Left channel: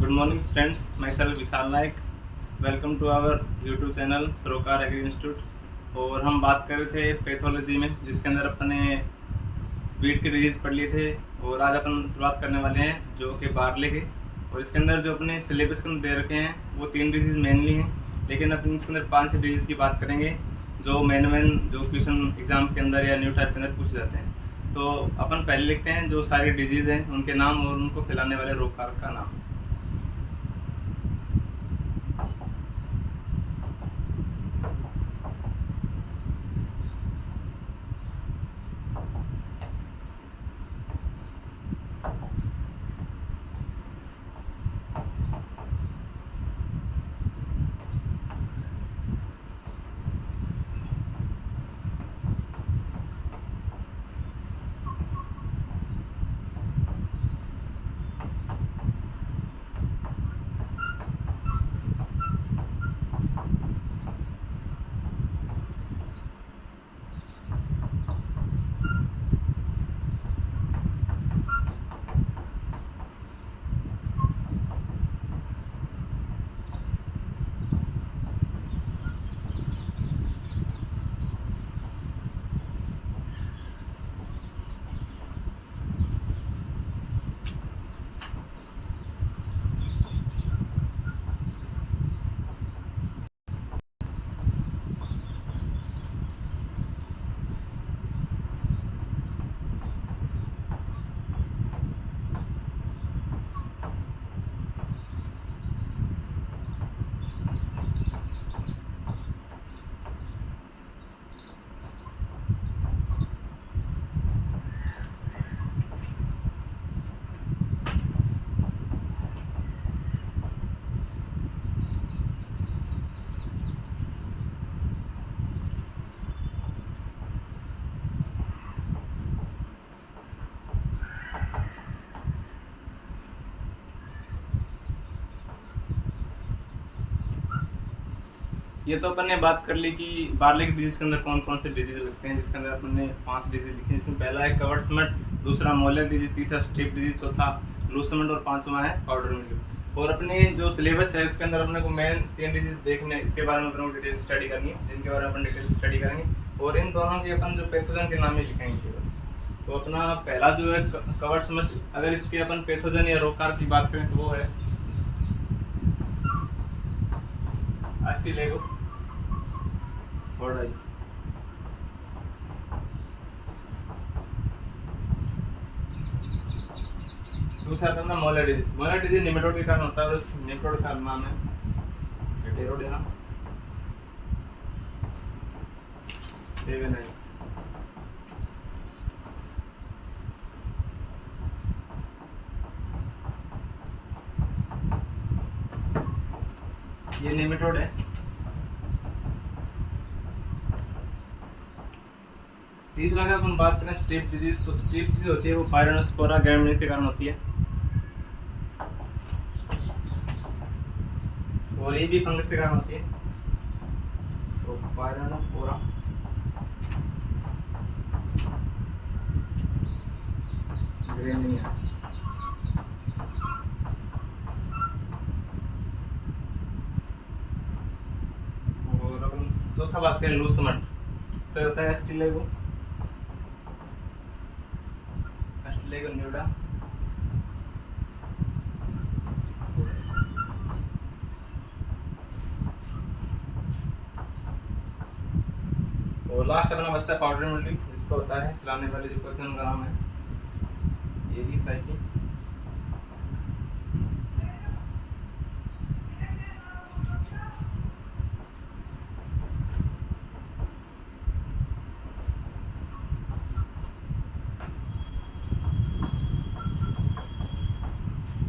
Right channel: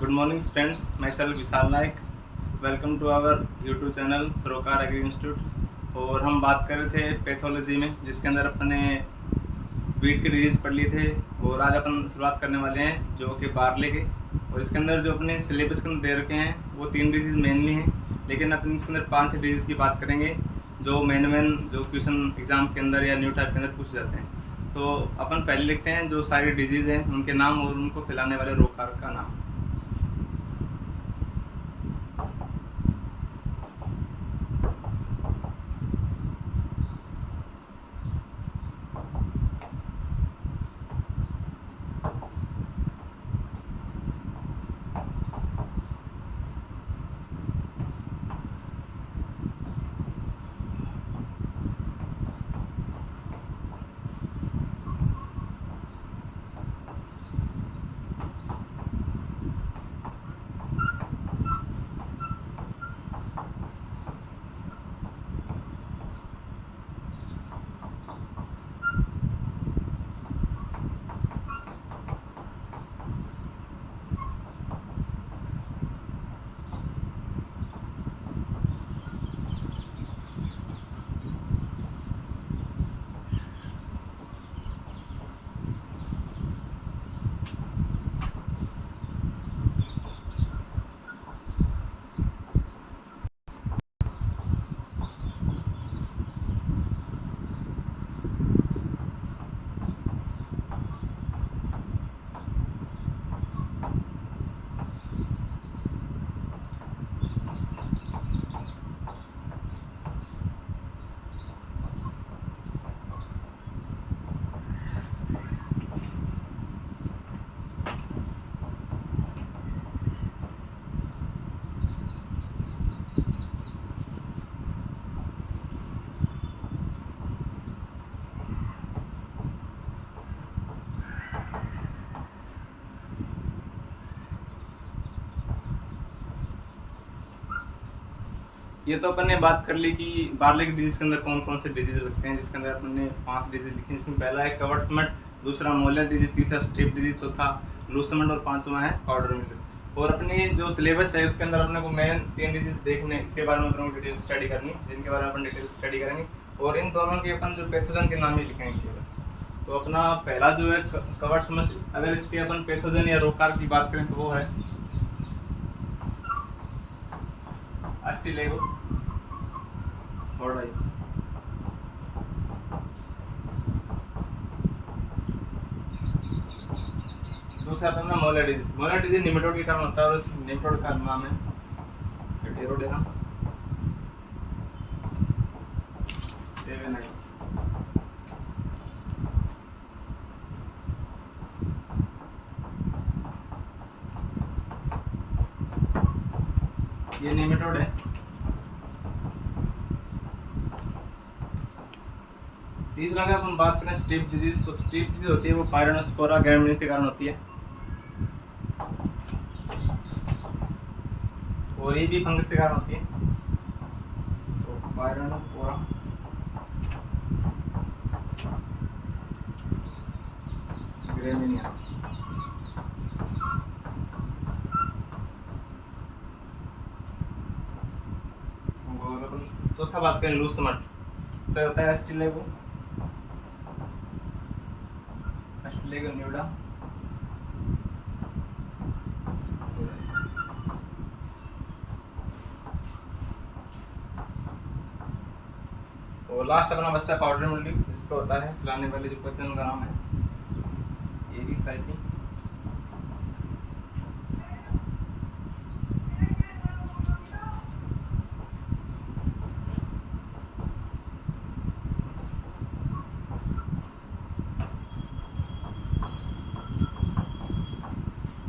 Good morning, friends. Myself Vishal Naik. Welcome to our YouTube channel Sarokar agri institute. और हम बात कर रहे थे पैथोलॉजी में, जिसके अंदर अपने वीट के डिजीज़ पढ़ लिए थे। और आज अपन शुरुआत करने वाले हैं जो कि बार्ले के। और इसके अंदर जो अपने सिलेबस के अंदर दे रखे हैं वो 3 डिजीज़ मेनली हैं, लेकिन अपन इसके अंदर 5 डिजीज़ की बात करेंगे जो मेन जो क्वेश्चन एग्ज़ाम के अंदर या न्यू टाइप के अंदर पूछे जाते हैं। तो अपन पहले लिखते हैं जो सारी डिजीज़ हैं उनके नाम और उनको फैलाने वाले रोग कारक का नाम। ये तो अपन ने बात कर ली कि बार्ले के डिजीज के अंदर कौन कौन से डिजीज लगते हैं, जिसके अंदर अपन ने 5 डिजीज लिखे हैं। जिसमें पहला है कवर्ट्समट, दूसरा मोलर डिजीज, तीसरा स्ट्रेप डिजीज, चौथा लूसमट और 5वां है पाउडर मिल्क। और अपने जो सिलेबस है उसके अंदर अपने को मेन 3 डिजीज देखने, इसके बारे में अपन को डिटेल स्टडी करनी है, जिनके बारे में अपन डिटेल स्टडी करेंगे। और इन दोनों के अपन जो पैथोजन के नाम ही लिखेंगे केवल। तो अपना पहला जो है कवर्ट्समट, अगर इसके अपन पैथोजन या रोगकार की बात करें तो वो है अस्टिलेगो ऑर्डाई। दूसरा था अपना molar disease. Molar disease nematode के कारण होता है और उस निमेटोड का नाम है हेटेरोडेना सेवेनाई। ये निमेटोड है। तीसरा का अपन बात करें स्ट्रिप डिजीज, तो स्ट्रिप डिजीज होती है वो पायरोनोस्पोरा ग्रैमिनीज के कारण होती है। और ये भी फंगस के कारण होती है। तो पायरोनोस्पोरा ग्रैमिनिया। और अपन चौथा बात करें लूसमट, तो होता है अस्टिलेगो न्यूडा। और लास्ट अपना बचता है पाउडर मिल्क, जिसको होता है फैलाने वाले जो पैथोजन का नाम है एरी साइकिल।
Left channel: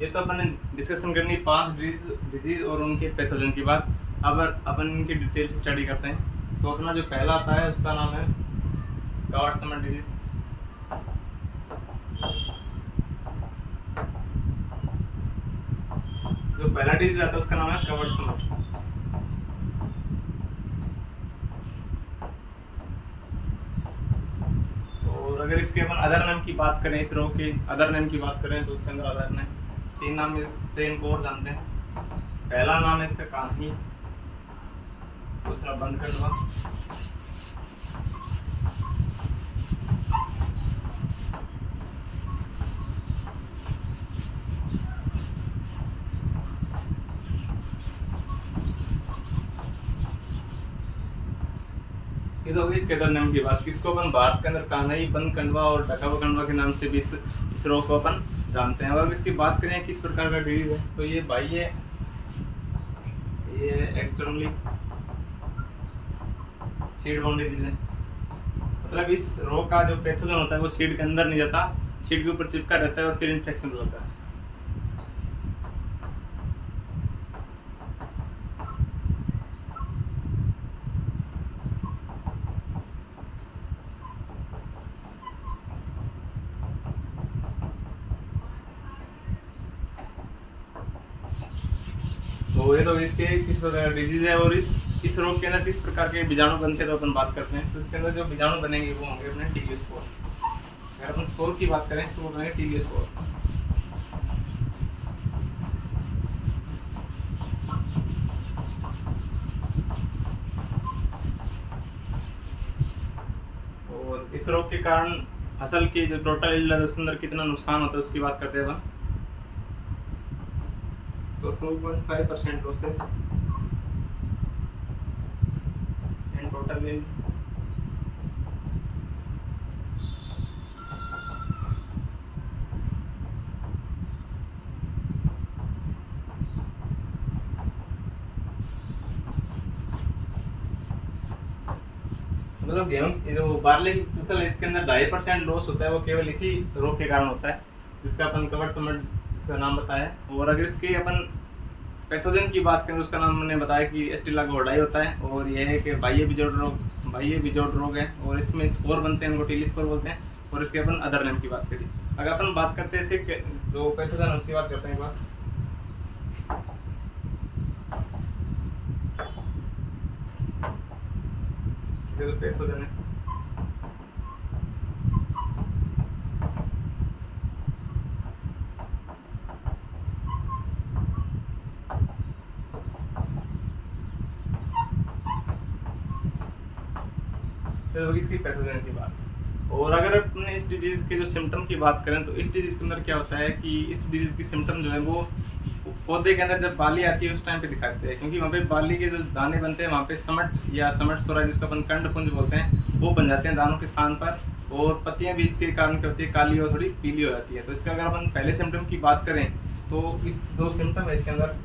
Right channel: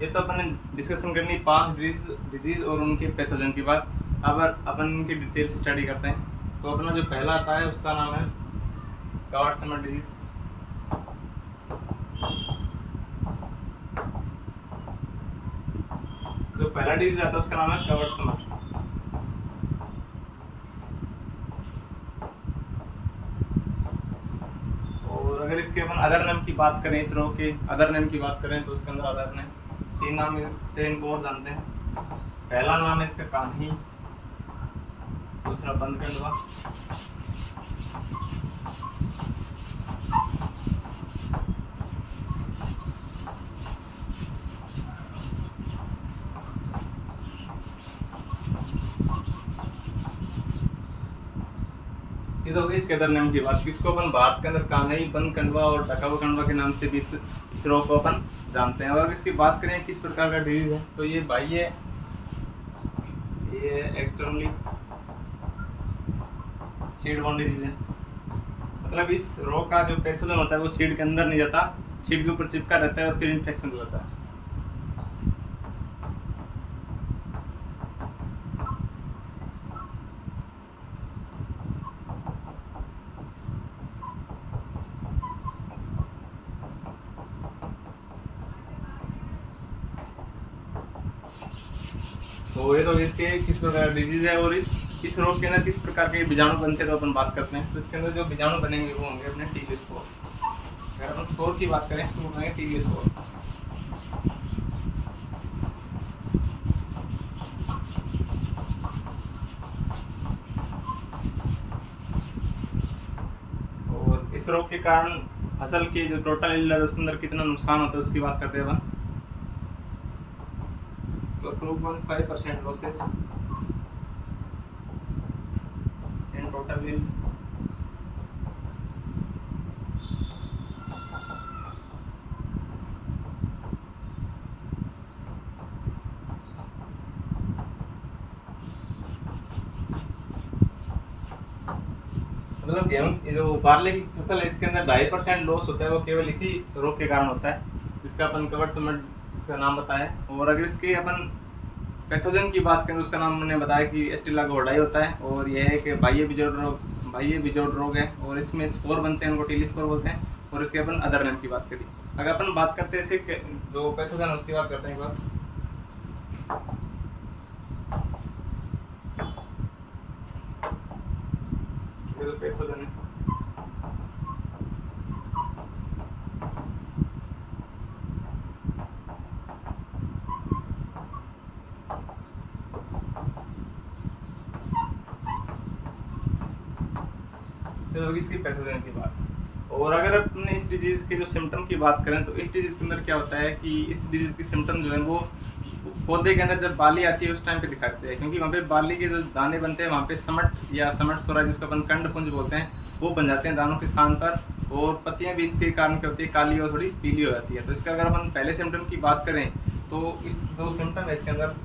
ये तो अपन ने डिस्कशन करनी 5 डिजीज और उनके पैथोजन की बात। अब अपन इनकी डिटेल से स्टडी करते हैं। तो अपना जो पहला आता है उसका नाम है कवर्ट्समट डिजीज। जो पहला डिजीज आता है उसका नाम है कवर्ट्समट। और अगर इसके अपन अदर नेम की बात करें, इस रोग के अदर नेम की बात करें तो उसके अंदर अदर नेम तीन नाम से इनको और जानते हैं। पहला नाम है इसका कान्ही, दूसरा बंद कंडवा, ये तो होगी इसके अदर नेम की बात। इसको अपन भारत के अंदर कान्ही, बंद कंडवा और ढका हुआ कंडवा के नाम से भी इस रोग को अपन जानते हैं। और इसकी बात करें किस प्रकार का डिजीज है, तो ये बाह्य, ये एक्सटर्नली सीड बाउंड डिजीज है। मतलब इस रोग का जो पैथोजन होता है वो सीड के अंदर नहीं जाता, सीड के ऊपर चिपका रहता है और फिर इन्फेक्शन हो जाता है। तो ये तो इसके किस प्रकार डिजीज है और इस रोग के अंदर किस प्रकार के बीजाणु बनते हैं तो अपन बात करते हैं। तो इसके अंदर जो बीजाणु बनेंगे वो होंगे अपने टीबी स्पोर। अगर अपन स्पोर की बात करें तो वो बनेंगे टीबी स्पोर। और इस रोग के कारण फसल की जो टोटल यील्ड है उसके अंदर कितना नुकसान होता है उसकी बात करते हैं अपन। तो 2.5% losses in total yield। मतलब गेहूं जो बार्ले की फसल है इसके अंदर 2.5% लॉस होता है, वो केवल इसी रोग के कारण होता है जिसका अपन कवर समझ इसका नाम बताया। और अगर इसके अपन पैथोजन की बात करें तो उसका नाम मैंने बताया कि एस्टिला घोड़ाई होता है और यह है कि बाह्य बिजोड़ रोग है और इसमें स्पोर बनते हैं, उनको टीली स्पोर बोलते हैं। और इसके अपन अदर नेम की बात करिए। अगर अपन बात करते हैं इसके जो पैथोजन है उसकी बात करते हैं एक बार। ये तो पैथोजन है। तो इसकी पैथोजन की बात। और अगर अपने इस डिजीज के जो सिम्टम की बात करें तो इस डिजीज के अंदर क्या होता है कि इस डिजीज की सिम्टम जो है वो पौधे के अंदर जब बाली आती है उस टाइम पे दिखाते हैं, क्योंकि वहाँ पे बाली के जो दाने बनते हैं वहाँ पे समट या समट सोरा जिसको अपन कंडपुंज बोलते हैं वो बन जाते हैं दानों के स्थान पर। और पत्तियाँ भी इसके कारण क्या होती है, काली और थोड़ी पीली हो जाती है। तो इसका अगर अपन पहले सिम्टम की बात करें तो इस दो सिम्टम है इसके अंदर।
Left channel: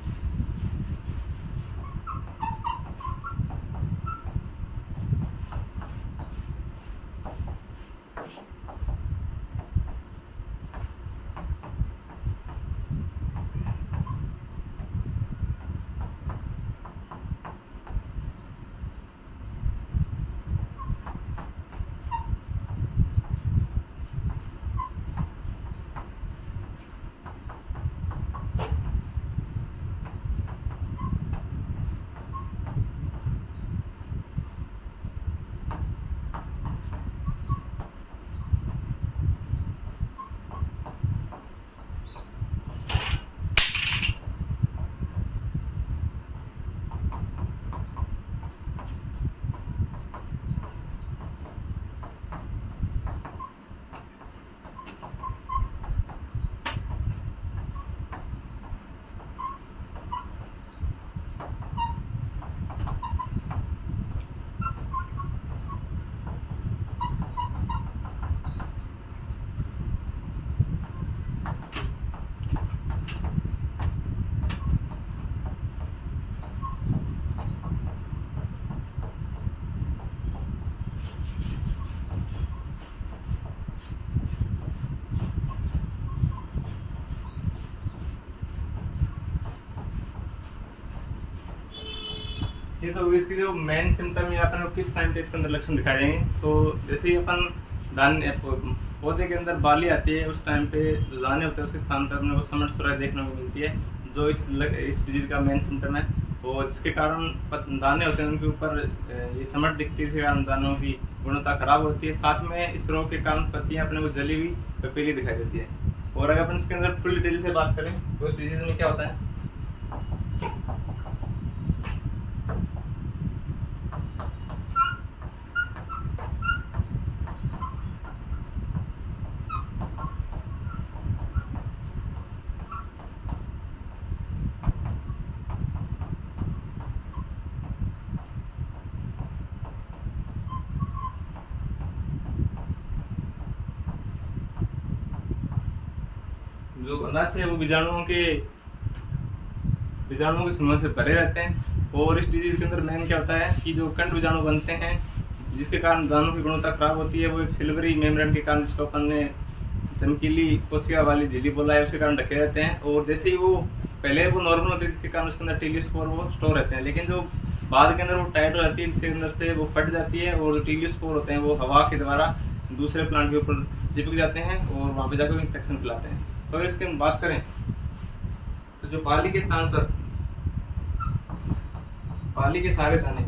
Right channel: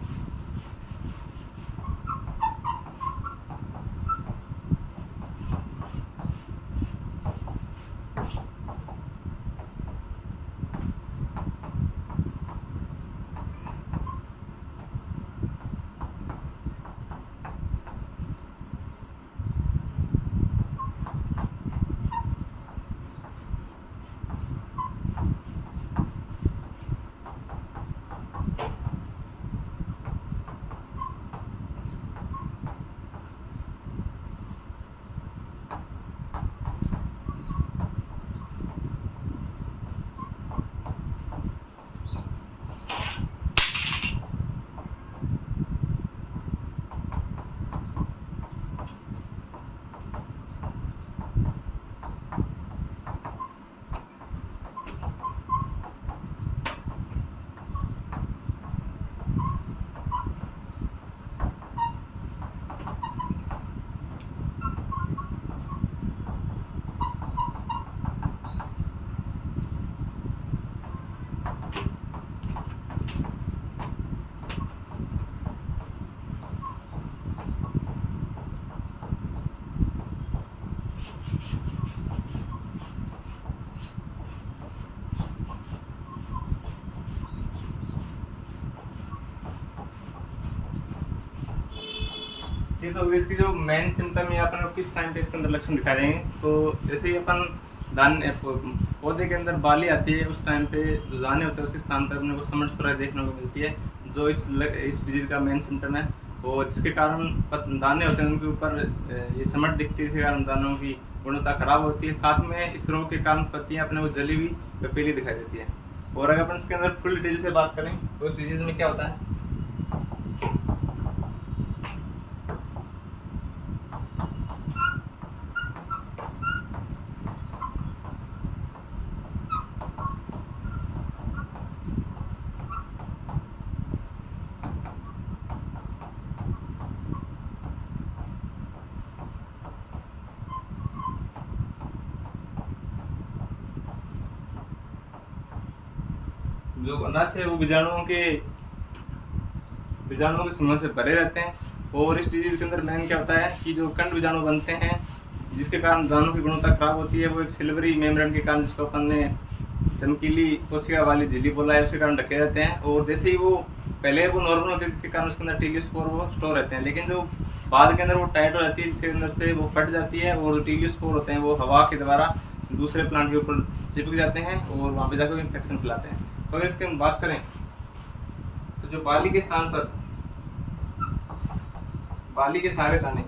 ये तो इसकी जो मेन सिम्टम है अपन किस टाइम पे इसके अंदर लक्षण दिखा देंगे। तो जैसे ही अपन पौधे के अंदर बाली आती है उस टाइम पे जो दाने होते हैं उसके स्थान पर अपने को समट सुराई देखने को मिलती है, जो इस डिजीज का मेन सिम्टम है। और जिसके कारण दाने होते हैं उनके ऊपर ये समट दिखती है, इसके कारण दानों की गुणवत्ता खराब होती है। साथ में इस रोग के कारण पत्तियाँ अपने को जली हुई व पीली दिखाई देती है। और अगर अपन इसके अंदर फुल डिटेल से बात करें तो इस डिजीज में क्या होता है, जो नस है वो बीजाणुओं के समूह से भरे रहते हैं। और इस डिजीज के अंदर मेन क्या होता है कि जो कंड बीजाणु बनते हैं जिसके कारण दानों की गुणवत्ता खराब होती है, वो एक सिल्वरी मेम्ब्रेन के कारण, जिसको अपन ने चमकीली कोशिका वाली झिल्ली बोला है, उसके कारण ढके रहते हैं। और जैसे ही वो पहले वो नॉर्मल होते हैं जिसके कारण उसके अंदर टीलियोस्पोर वो स्टोर रहते हैं, लेकिन जो बाद के अंदर वो टाइट हो जाती है जिसके अंदर से वो फट जाती है और जो टीलियोस्पोर होते हैं वो हवा के द्वारा दूसरे प्लांट के ऊपर चिपक जाते हैं और वहाँ पे जाकर इन्फेक्शन फैलाते हैं। तो अगर इसकी हम बात करें तो जो बाली के स्थान पर बाली के सारे दाने,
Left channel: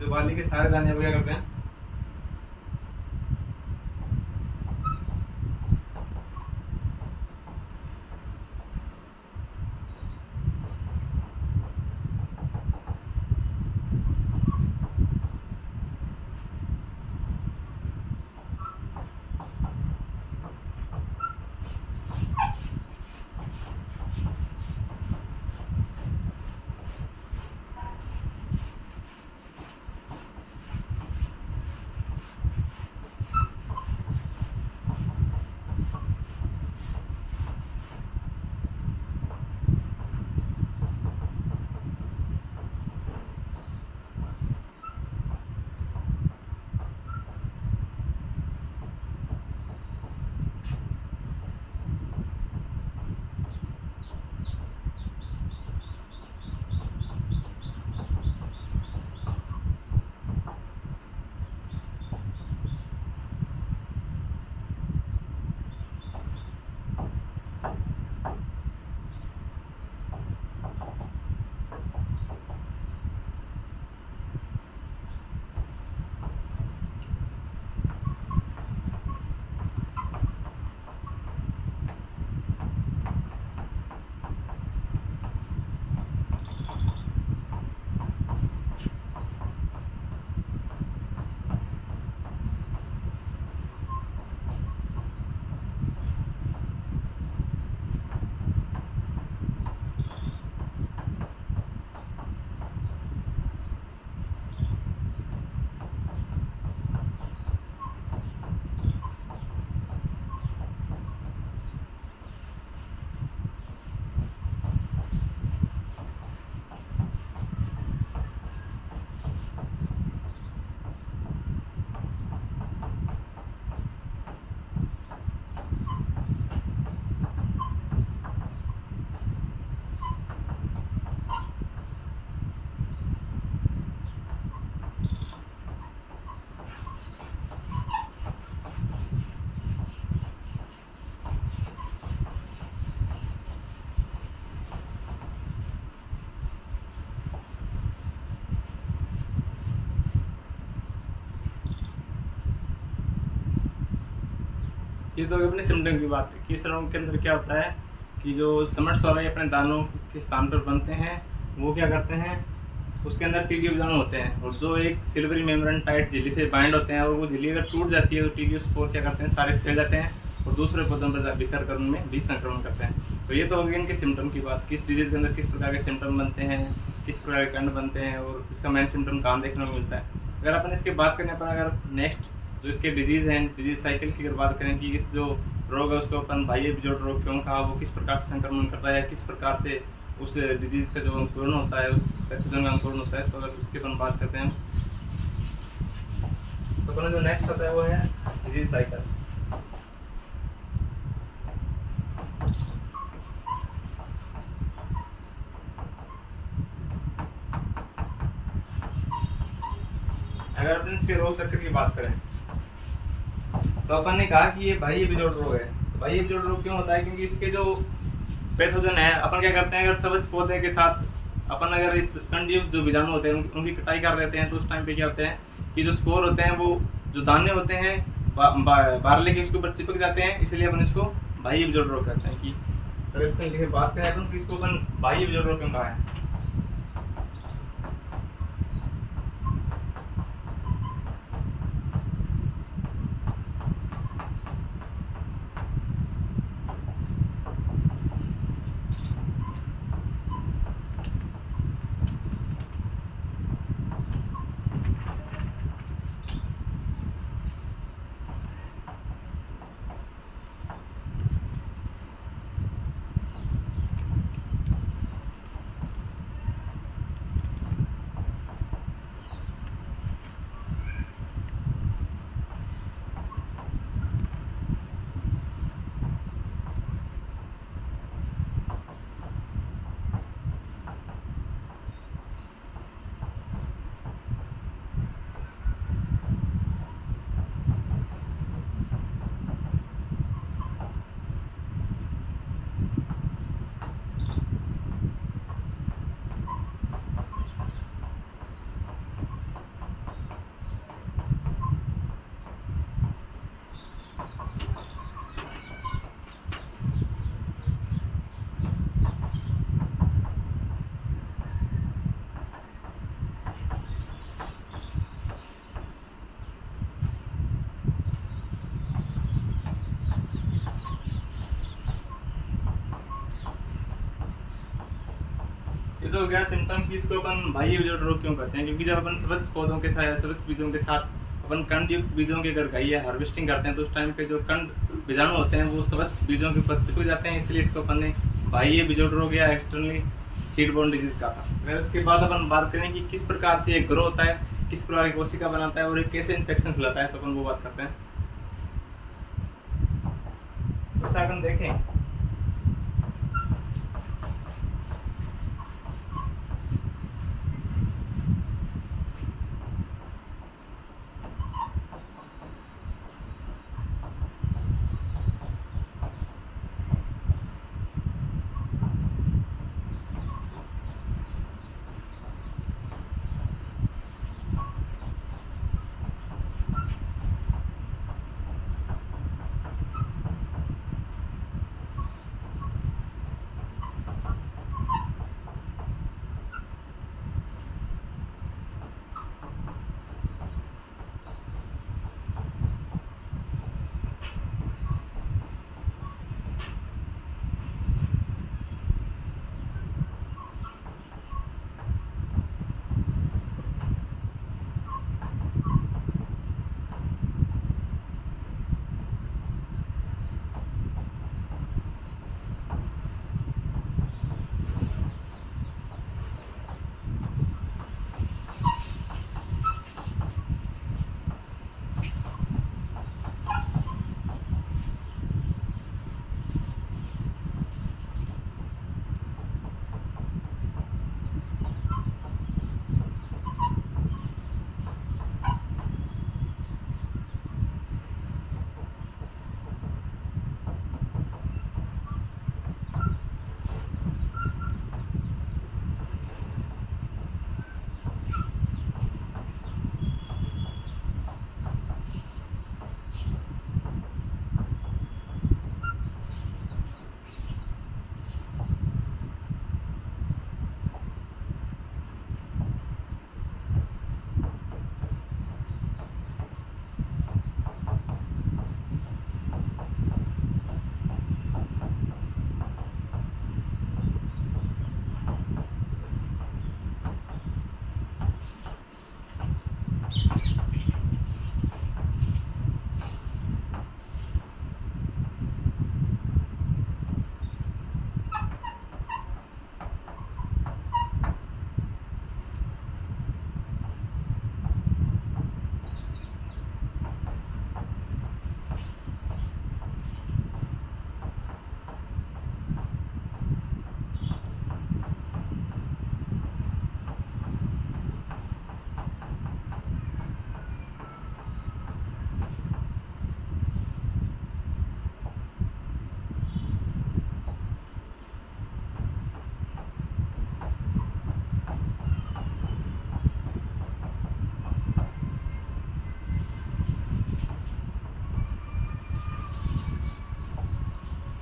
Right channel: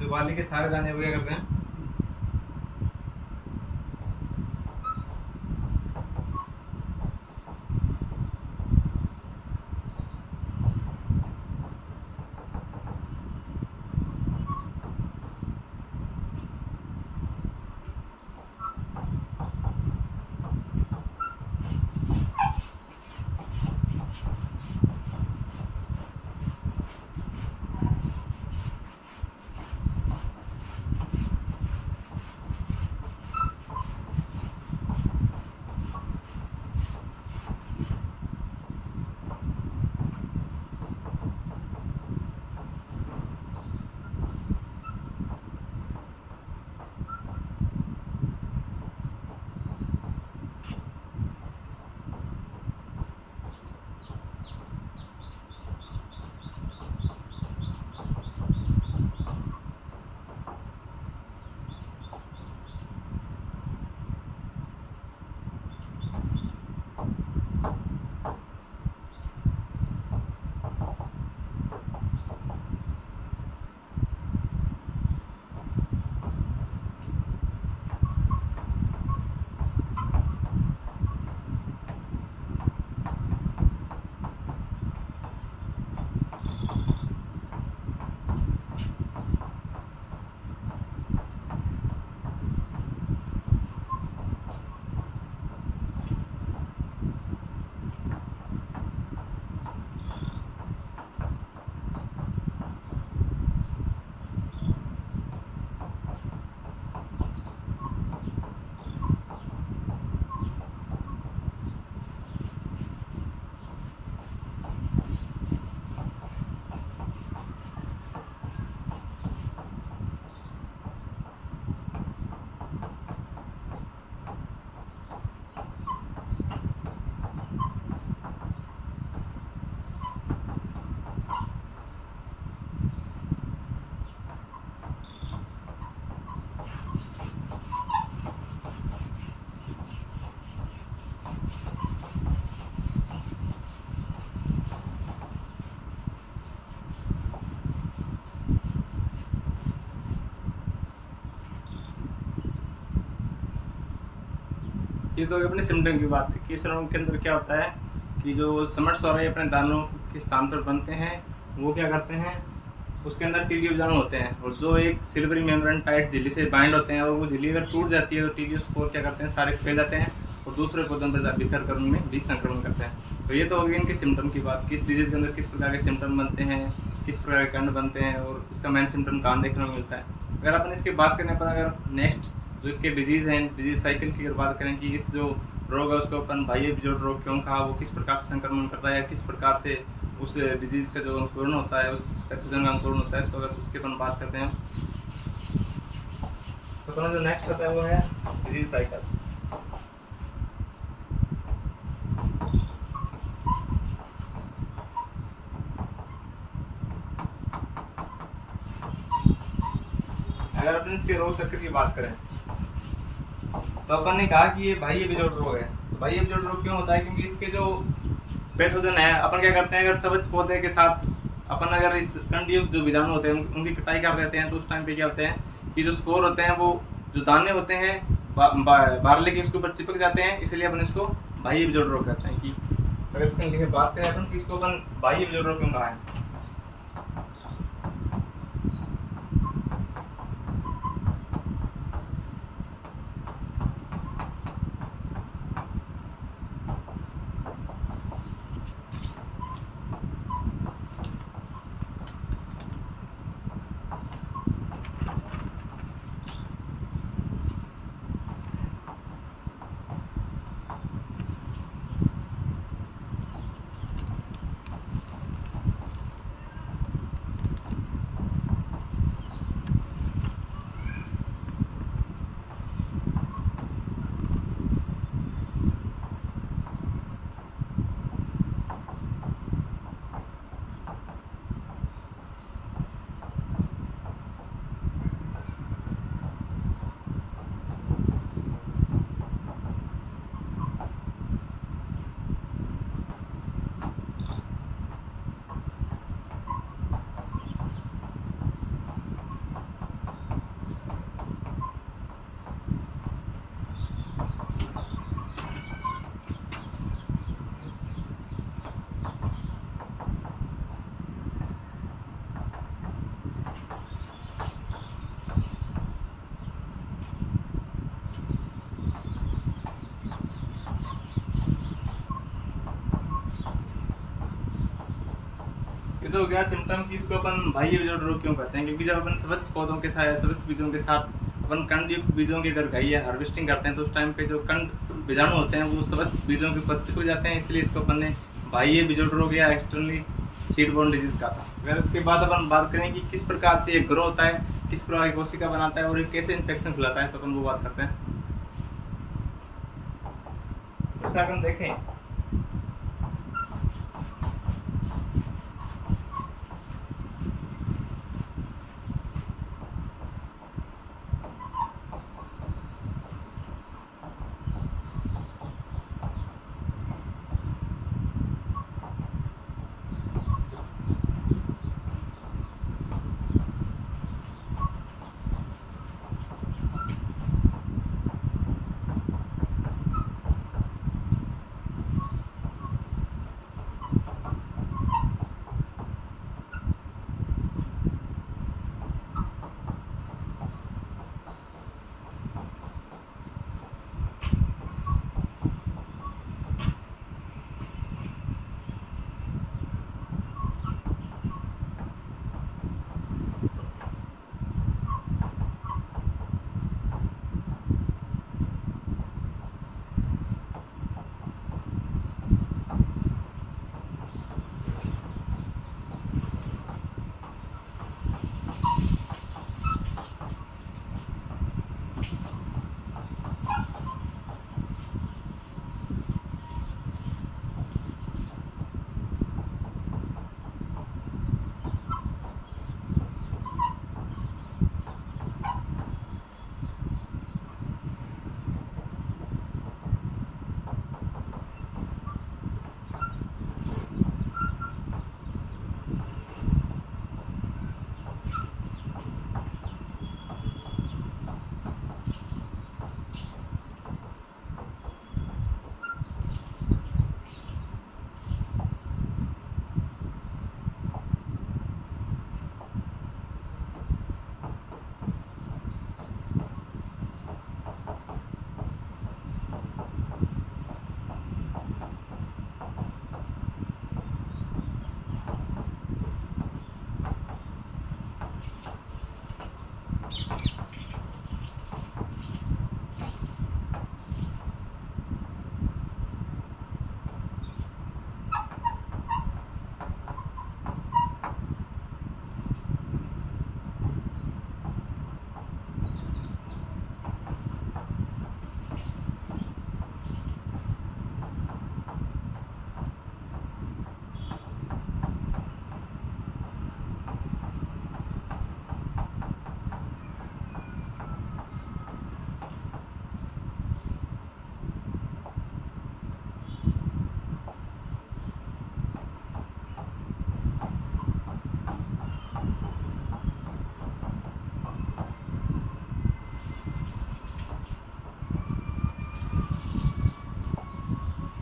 जो बाली के सारे दाने वो क्या करते हैं, ये तो अपने सिम्टम की बात है कि इस रोग के अंदर क्या होता है कि जो समट सौराई अपने दानों के स्थान पर बनते हैं वो क्या करते हैं, उसके अंदर टीलियो बीजाणु होते हैं और जो एक सिल्वरी मेम्ब्रेन टाइट झिल्ली से बाइंड होते हैं और वो झिल्ली अगर टूट जाती है तो टीलियोस्पोर क्या करते हैं, सारे फैल जाते हैं और दूसरे पौधों पर बिखर कर उनमें भी संक्रमण करते हैं। तो ये तो हो गई इनके सिम्टम की बात, किस डिजीज़ के अंदर किस प्रकार के सिम्टम बनते हैं, किस प्रकार के कंड बनते हैं और इसका मेन सिम्टम कहाँ देखने को मिलता है। अगर अपन इसकी बात करने पर अगर नेक्स्ट जो इसके डिजीज़ हैं, डिजीज़ साइकिल की अगर बात करें कि इस जो रोग है उसको अपन बाह्य बिजोड़ रोग क्यों कहा, वो किस प्रकार से संक्रमण करता है, किस प्रकार से उस डिजीज़ का जो अंकुरण होता है, उस पैथोजन का अंकुरण होता है, तो अगर उसके अपन बात करते हैं तो अपना जो नेक्स्ट होता है वो है डिजीज साइकिल। अगर अपन इसके रोग चक्र की बात करें तो अपन ने कहा कि ये बाह्य बिजोड़ रोग है। तो बाह्य बिजोड़ रोग क्यों होता है, क्योंकि इसके जो पैथोजन है, अपन क्या करते हैं अगर सब्ज पौधे के साथ अपन अगर इस कंडयुक्त जो बीजाणु होते हैं उनकी कटाई कर देते हैं तो उस टाइम पे क्या होते हैं कि जो स्पोर होते हैं वो जो दाने होते हैं बारले के इसके ऊपर चिपक जाते हैं, इसलिए अपन इसको बाह्य बिजोड़ रोग कहते हैं। कि अगर इसमें लिखे बात करें अपन कि इसको अपन बाह्य बिजोड़ रोग क्यों कहा है। ये तो हो गया सिम्टम कि इसको अपन बाह्य बिजोड़ रोग क्यों कहते हैं, क्योंकि जब अपन सबस पौधों के साथ या सबस बीजों के साथ अपन कंड युक्त बीजों की अगर गाई या हार्वेस्टिंग करते हैं तो उस टाइम पे जो कंड बीजाणु होते हैं वो सबस बीजों के ऊपर चिपक जाते हैं, इसलिए इसको अपन ने बाह्य बिजोड़ रोग या एक्सटर्नली सीड बोर्न डिजीज कहा था। अगर इसके बाद अपन बात करें कि किस प्रकार से ये ग्रो होता है, किस प्रकार की कोशिका बनाता है और ये कैसे इन्फेक्शन फैलाता है, तो अपन वो बात करते हैं। जैसा अपन देखें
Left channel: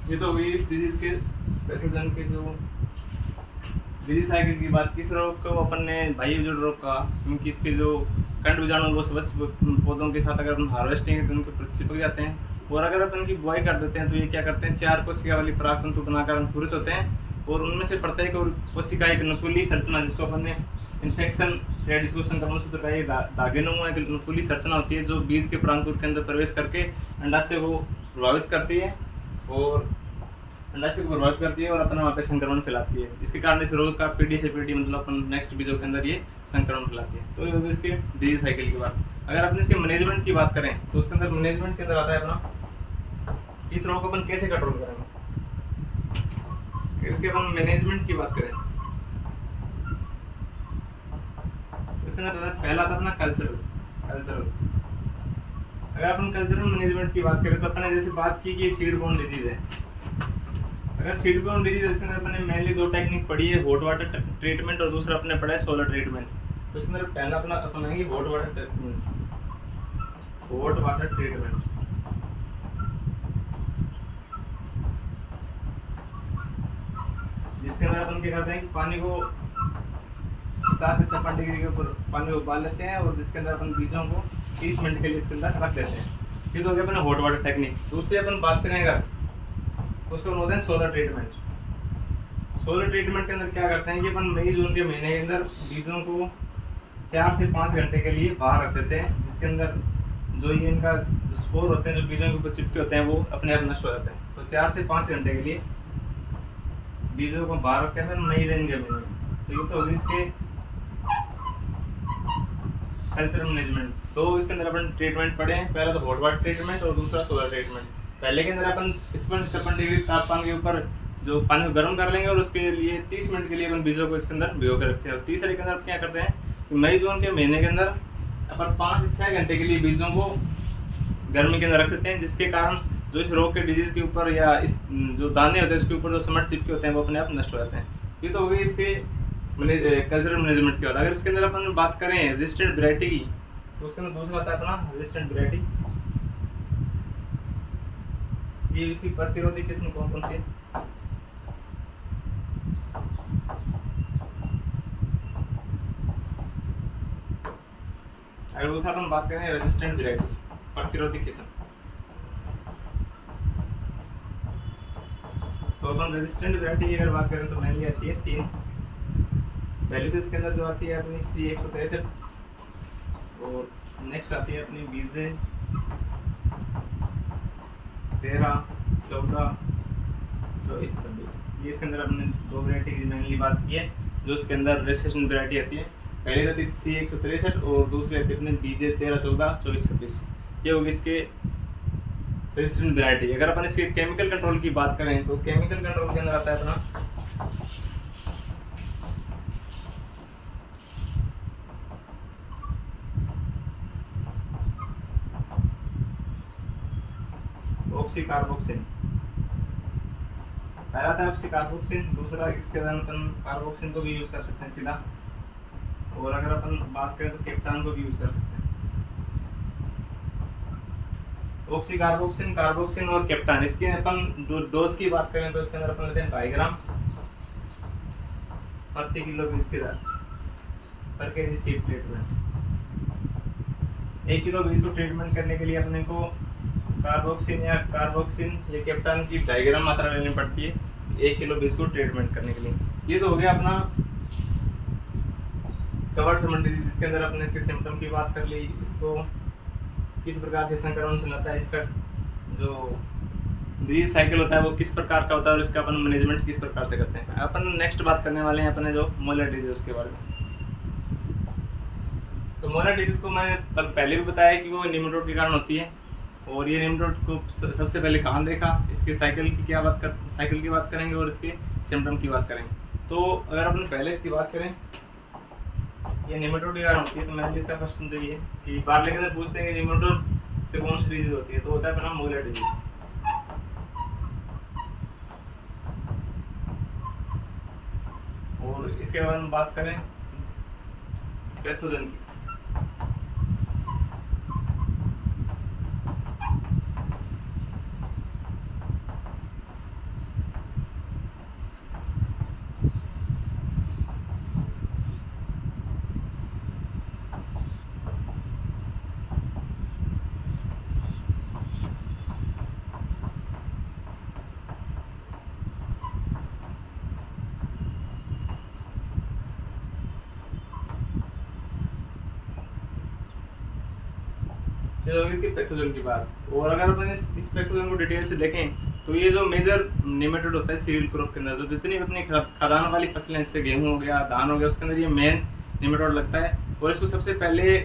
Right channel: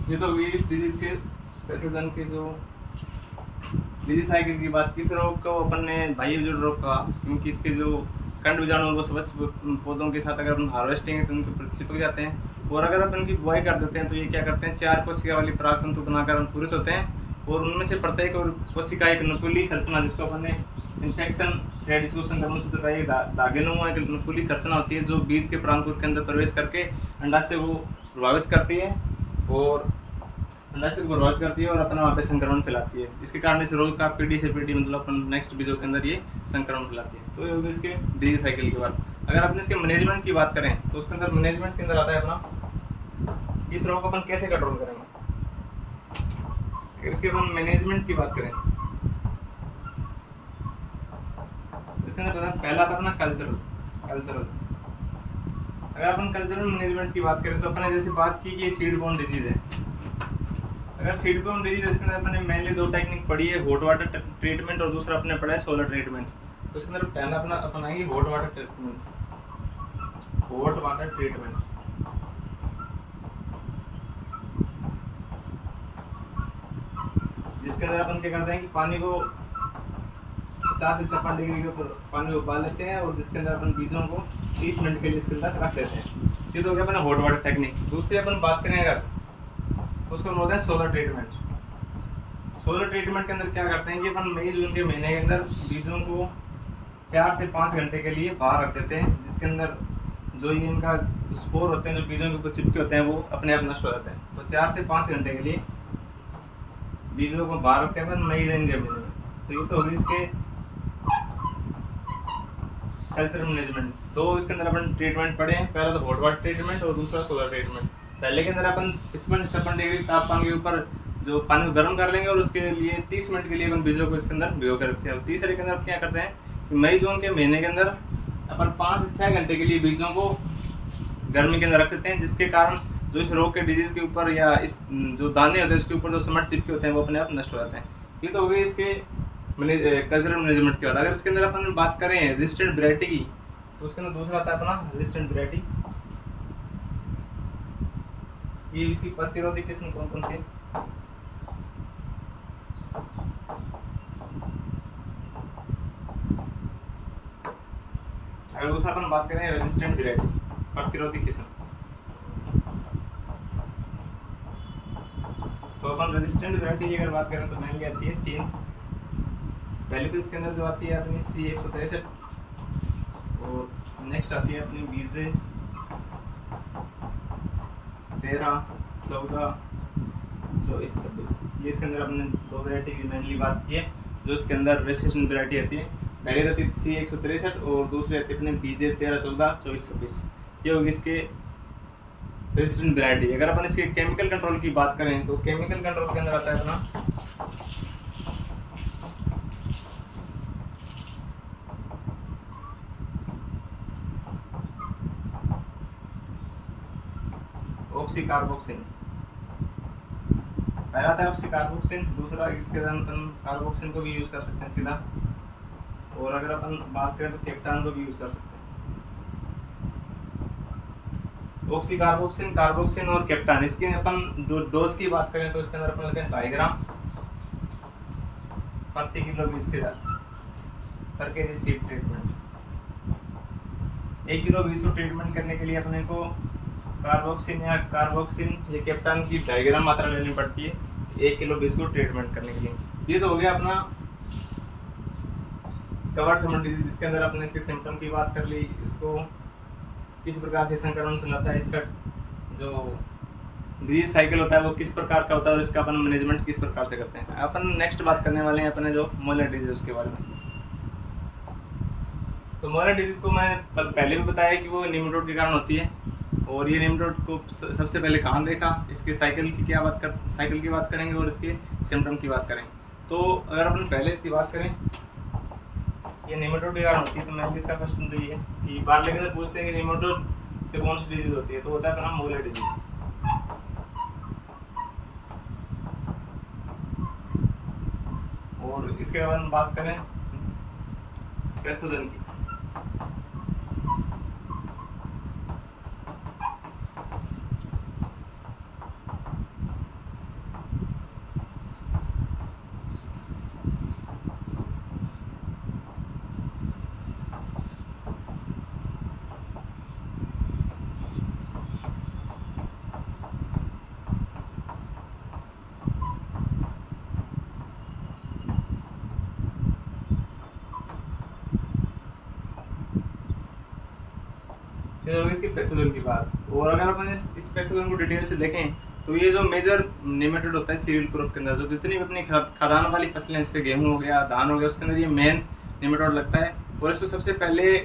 ये तो हुई इस डिजीज के पैथोजन के जो डिजीज साइकिल की बात की। इस रोग को अपन ने भाई जो रोग कहा, क्योंकि इसके जो कंड बीजाणु वो सब पौधों के साथ अगर अपन हार्वेस्टिंग तो उनके ऊपर चिपक जाते हैं, और अगर अपन की बुआई कर देते हैं तो ये क्या करते हैं, 4 कोशिका वाली पराग तंतु बनाकर अंकुरित होते हैं, और उनमें से प्रत्येक और कोशिका एक नुकीली संरचना, जिसको अपन ने इन्फेक्शन थ्रेड, इसको संक्रमण सूत्र का एक धागेनुमा एक नुकीली संरचना होती है, जो बीज के परांकुर के अंदर प्रवेश करके अंडाशय को प्रभावित करती है, और अंडाशय को प्रभावित करती है और अपना वहाँ पे संक्रमण फैलाती है। इसके कारण इस रोग का पीढ़ी से पीढ़ी मतलब अपन नेक्स्ट बीजों के अंदर ये संक्रमण फैलाती है। तो ये होगी इसके डिजीज साइकिल की बात। अगर अपन इसके मैनेजमेंट की बात करें तो उसके अंदर मैनेजमेंट के अंदर आता है अपना इस रोग को अपन कैसे कंट्रोल करेंगे। इसके अपन मैनेजमेंट की बात करें तो इसके अंदर पहला आता है अपना कल्चरल। अगर अपन कल्चरल मैनेजमेंट की बात करें तो अपन ने जैसे बात की कि सीड बोर्न डिजीज है। अगर सीड बोर्न डिजीज इसके अंदर अपने मेनली 2 टेक्निक पढ़ी है, हॉट वाटर ट्रीटमेंट और दूसरा अपने पढ़ा है सोलर ट्रीटमेंट। तो इसके अंदर पहला अपना अपनाएंगे हॉट वाटर ट्रीटमेंट। जिसके अंदर अपन क्या करते हैं कि पानी को 50 से 56 डिग्री के ऊपर पानी को उबाल लेते हैं, और जिसके अंदर अपन बीजों को 30 मिनट के लिए इसके अंदर रख देते हैं। ये तो हो गया अपना हॉट वाटर टेक्निक। दूसरी अपन बात करें अगर उसको बोलते हैं सोलर ट्रीटमेंट। सोलर ट्रीटमेंट के अंदर क्या करते हैं कि अपन मई जून के महीने के अंदर बीजों को 4 से 5 घंटे के लिए बाहर रख देते हैं, जिसके अंदर जो ये इनका स्पोर होते हैं, जो बीजों के ऊपर चिपके होते हैं, वो अपने आप नष्ट हो जाते हैं। तो 4 से 5 घंटे के लिए बीजों को बाहर रखते हैं मई जून के महीने में। तो ये तो होगी इसके कल्चरल मैनेजमेंट। तो इसके अंदर अपन ट्रीटमेंट पढ़े हैं, पहला तो हॉट वाटर ट्रीटमेंट और दूसरा सोलर ट्रीटमेंट। पहले के अंदर अपन 55 डिग्री तापमान के ऊपर जो पानी को गर्म कर लेंगे, और उसके लिए 30 मिनट के लिए अपन बीजों को इसके अंदर भिगो कर रखते हैं। और तीसरे के अंदर क्या करते हैं कि मई जून के महीने के अंदर अपन 5 से 6 घंटे के लिए बीजों को गर्मी के अंदर रख देते हैं, जिसके कारण जो इस रोग के डिजीज के ऊपर या इस जो दाने होते हैं इसके ऊपर जो समट चिपके होते हैं वो अपने आप नष्ट हो जाते हैं। ये तो हो गई इसके कल्चरल मैनेजमेंट की बात। अगर इसके अंदर अपन बात करें रेजिस्टेंट वैरायटी की तो उसके अंदर दूसरा आता है अपना रेजिस्टेंट वैरायटी। ये इसकी प्रतिरोधी किस्म कौन कौन सी? अगर दूसरा अपन बात करें रेजिस्टेंट वैरायटी, प्रतिरोधी किस्म, तो अपन रेजिस्टेंट वैरायटी की अगर बात करें तो मेनली आती है 3। पहले तो इसके अंदर जो आती है अपनी C163, और नेक्स्ट आती है अपनी BJ 13, 14, 24, 26। ये इसके अंदर अपने 2 वैरायटी की मेनली बात की है, जो इसके अंदर रेजिस्टेंट वैरायटी आती है। पहले आती है C163 और दूसरी आती है अपने BJ 13, 14, 24, 26। ये होगी इसके रेजिस्टेंट वैरायटी। अगर अपन इसके केमिकल कंट्रोल की बात करें तो केमिकल कंट्रोल के अंदर आता है अपना ऑक्सीकार्बोक्सिन। पहला था ऑक्सीकार्बोक्सिन, दूसरा इसके अंदर अपन कार्बोक्सिन को भी यूज कर सकते हैं सीधा, और अगर अपन बात करें तो केप्टान को भी यूज कर सकते हैं। ऑक्सीकार्बोक्सिन, कार्बोक्सिन और केप्टान, इसकी अपन डोज की बात करें तो इसके अंदर अपन लेते हैं 2.5 ग्राम प्रति किलो बीज के साथ पर केजी सीड ट्रीटमेंट। 1 किलो बीज को ट्रीटमेंट करने के लिए अपने को कार्बोक्सिन या केप्टान की 2.5 ग्राम मात्रा लेनी पड़ती है 1 किलो बीज को ट्रीटमेंट करने के लिए। ये तो हो गया अपना कवर्ड समन डिजीज, जिसके अंदर अपने इसके सिम्टम की बात कर ली, इसको किस प्रकार से संक्रमण फैलाता है, इसका जो डिजीज साइकिल होता है वो किस प्रकार का होता है, और इसका अपन मैनेजमेंट किस प्रकार से करते हैं। अपन नेक्स्ट बात करने वाले हैं अपने जो मोलर डिजीज उसके बारे में। तो मोलर डिजीज को मैं पहले भी बताया कि वो निमेटोड के कारण होती है, और ये निमेटोड को सबसे पहले कहाँ देखा, इसके साइकिल की बात करेंगे और इसके सिम्टम की बात करेंगे। तो अगर अपन पहले इसकी बात करें, ये निमेटोड के कारण होती है, तो मैं इसका प्रश्न तो ये है कि बार लेकर से पूछते हैं कि निमेटोड से कौन सी डिजीज होती है, तो होता है अपना मोलर डिजीज। और इसके बाद हम बात करें पैथोजन की, ये होगी इसकी पैथोजन की बात। और अगर अपन इस पैथोजन को डिटेल से देखें तो ये जो मेजर नेमेटोड होता है सीरियल क्रॉप के अंदर, जो जितनी भी अपनी खाद्यान्न वाली फसलें जैसे गेहूँ हो गया, धान हो गया, उसके अंदर ये मेन नेमेटोड लगता है। और इसको सबसे पहले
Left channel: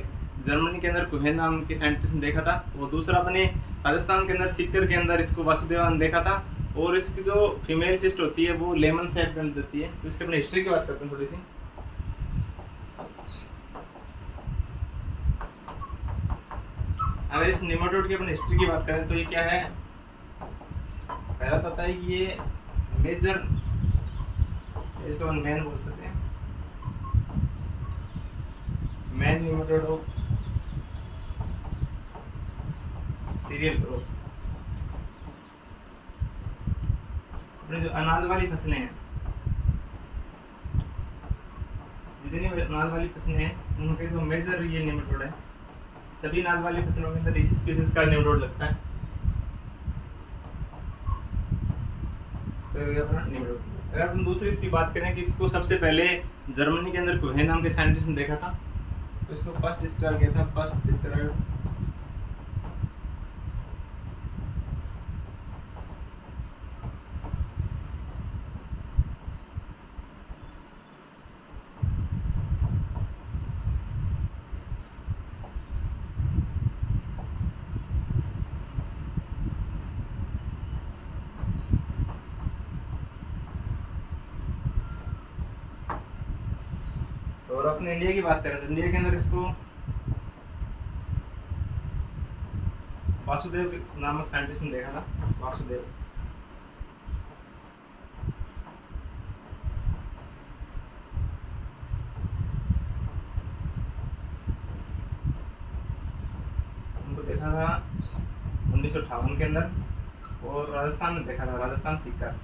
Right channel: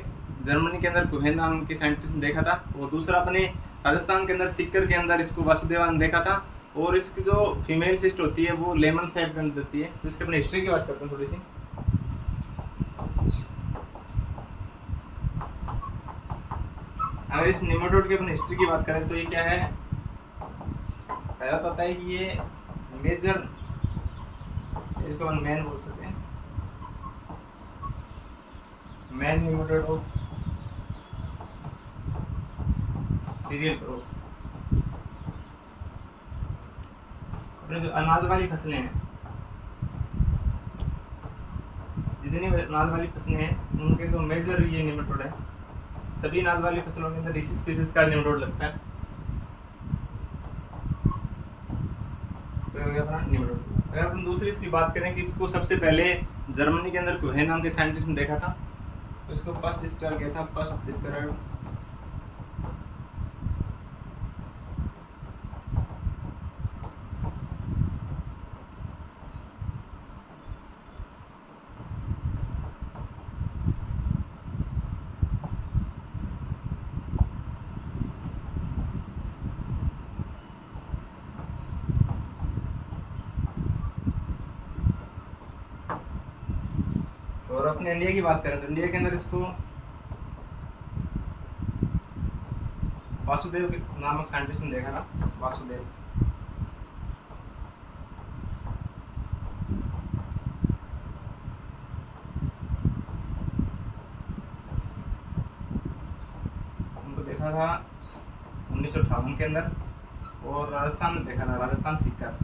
जर्मनी के अंदर कुहेन नाम के साइंटिस्ट ने देखा था, और दूसरा अपने राजस्थान के अंदर सीकर के अंदर इसको वासुदेवन ने देखा था। और इसकी जो फीमेल सिस्ट होती है वो लेमन शेप के अंदर देती है। तो इसके अपने हिस्ट्री की बात करते हैं थोड़ी सी। अगर इस नेमेटोड की अपन हिस्ट्री की बात करें तो ये क्या है, पहला पता है कि ये मेजर, इसको अपन मैन बोल सकते हैं, man nematode of cereal crop. अपनी जो अनाज वाली फसलें हैं, जितनी अनाज वाली फसलें हैं उनके जो मेजर ये नेमेटोड है, सभी अनाज वाली फसलों के अंदर इसी स्पीसीज का नेमेटोड लगता है। तो ये हो गया अपना नेमेटोड। अगर अपन दूसरी इसकी बात करें कि इसको सबसे पहले जर्मनी के अंदर कुहेन नाम के साइंटिस्ट ने देखा था, तो इसको फर्स्ट डिस्क्राइब किया था, फर्स्ट डिस्क्राइब और अपने इंडिया की बात करें तो इंडिया के अंदर इसको वासुदेव नामक साइंटिस्ट ने देखा था, वासुदेव। उनको देखा था 1958 के अंदर, और राजस्थान में देखा था, राजस्थान सीकर,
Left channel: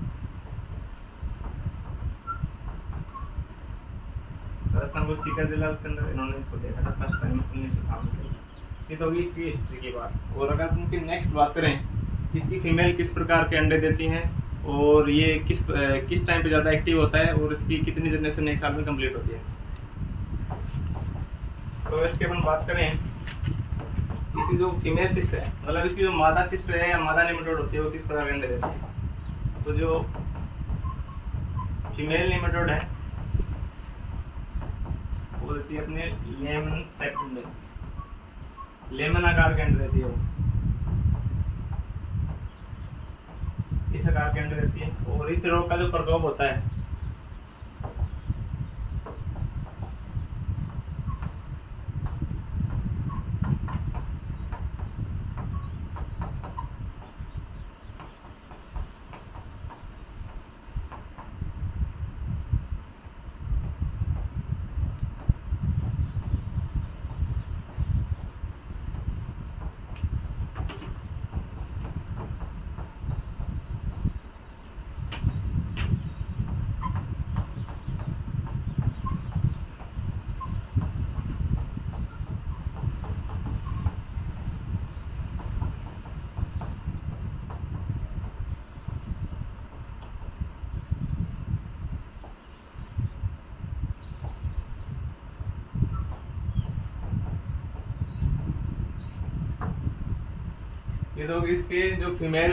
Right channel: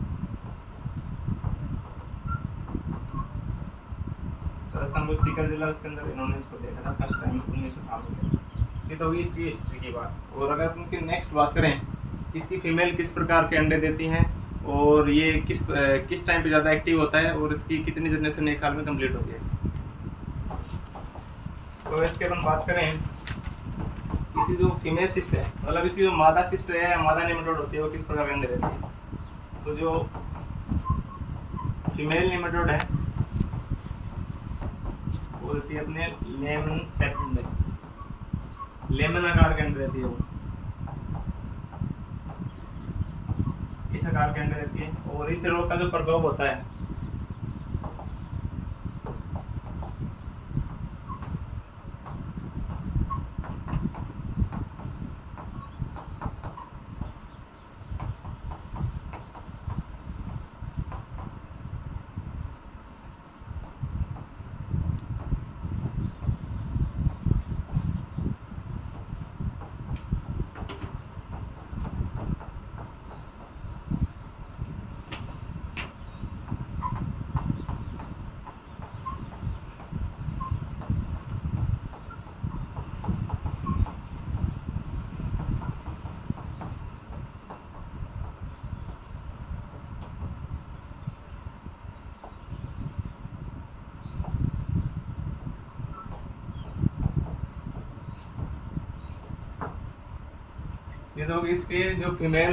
राजस्थान को सीकर जिला, उसके अंदर इन्होंने इसको देखा था फर्स्ट टाइम 1958 के। ये तो होगी इसकी हिस्ट्री की बात। और अगर उनकी नेक्स्ट बात करें, इसकी फीमेल किस प्रकार के अंडे देती हैं और ये किस टाइम पे ज़्यादा एक्टिव होता है, और इसकी कितनी जनरेशन एक साल में कंप्लीट होती है। तो इसके अपन बात करें, इसी जो फीमेल सिस्ट है, मतलब इसकी जो मादा सिस्ट है या मादा नेमेटोड होती है, वो किस प्रकार के अंडे देती है। तो जो फीमेल नेमेटोड है वो देती है अपने लेमन शेप्ड अंडे, लेमन आकार के अंडे देती है वो, इस आकार के अंडे देती है। और इस रोग का जो प्रकोप होता है, ये तो इसके जो फीमेल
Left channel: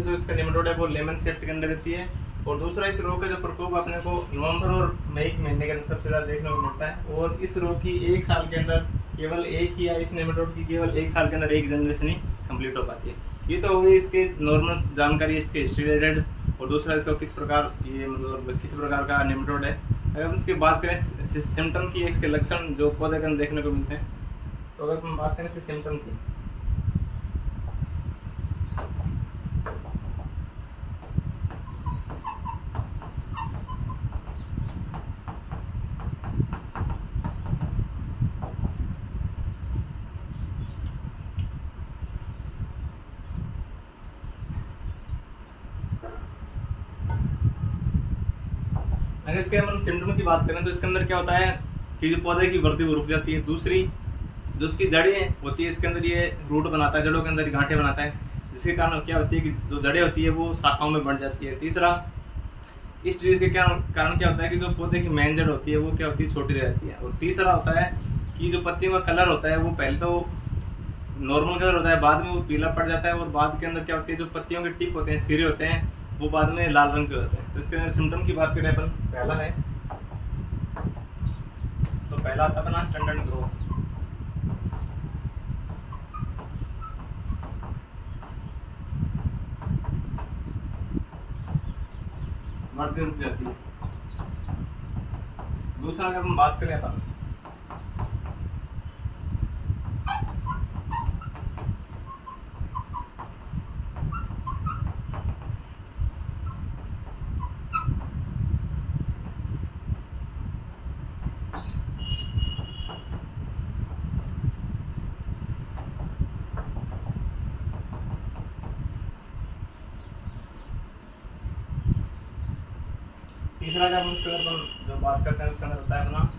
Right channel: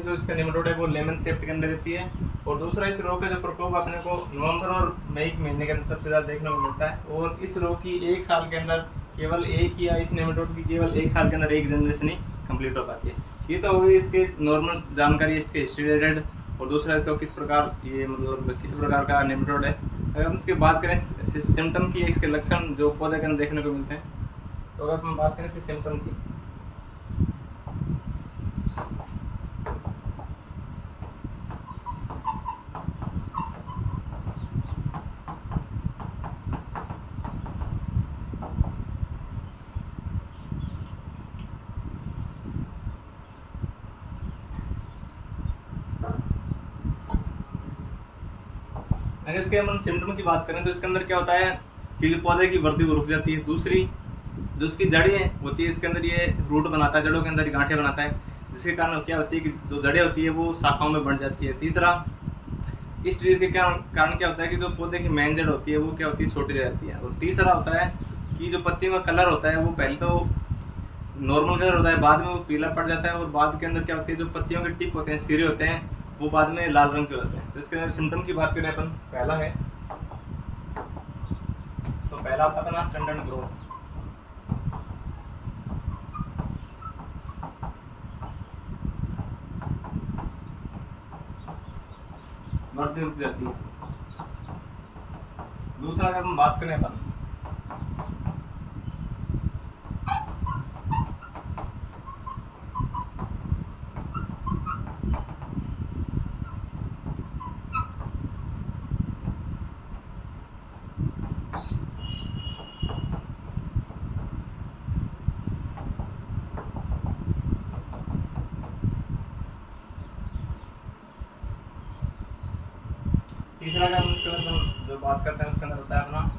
जो इसका नेमेटोड है वो लेमन शेप्ड के अंडे देती है। और दूसरा, इस रोग का जो प्रकोप अपने को नवंबर और मई के महीने के अंदर सबसे ज़्यादा देखने को मिलता है। और इस रोग की एक साल के अंदर केवल एक ही, या इस नेमेटोड की केवल एक साल के अंदर एक जनरेशन ही कंप्लीट हो पाती है। ये तो हो गई इसके नॉर्मल जानकारी, इसके हिस्ट्री रिलेटेड। और दूसरा, इसका किस प्रकार ये मतलब किस प्रकार का नेमेटोड है। अगर हम इसकी बात करें सिम्टम की, इसके लक्षण जो पौधे के अंदर देखने को मिलते हैं, तो अगर हम बात करें इसके सिम्टम की, अगर इसके हम सिम्टम की बात करें तो इसके अंदर क्या होता है कि जो पौधे की वृद्धि वो रुक जाती है। दूसरी, जो उसकी जड़ें होती है, इसके अंदर ये रूट बनाता है, जड़ों के अंदर गांठें बनाता है, जिसके कारण क्या होती है कि जो जड़ें होती है वो शाखाओं में बढ़ जाती है। तीसरा, इस चीज़ के कारण क्या होता है कि जो पौधे की मेन जड़ होती है वो क्या होती है, छोटी रह जाती है। और तीसरा होता है कि जो पत्तियों का कलर होता है वो पहले तो नॉर्मल कलर होता है, बाद में वो पीला पड़ जाता है और बाद के अंदर क्या होती है, जो पत्तियों के टिप होते हैं, सिरे होते हैं, वो बाद में लाल रंग के होते हैं। तो इसके अंदर सिम्टम की बात करें अपन, पहला है तो पहला आता है अपना स्टैंडर्ड ग्रोथ। बढ़ती रुक जाती है। दूसरा अगर हम बात करें अपन, तीसरा अगर हम इसके अंदर अपन जो बात करते हैं उसके अंदर होता है अपना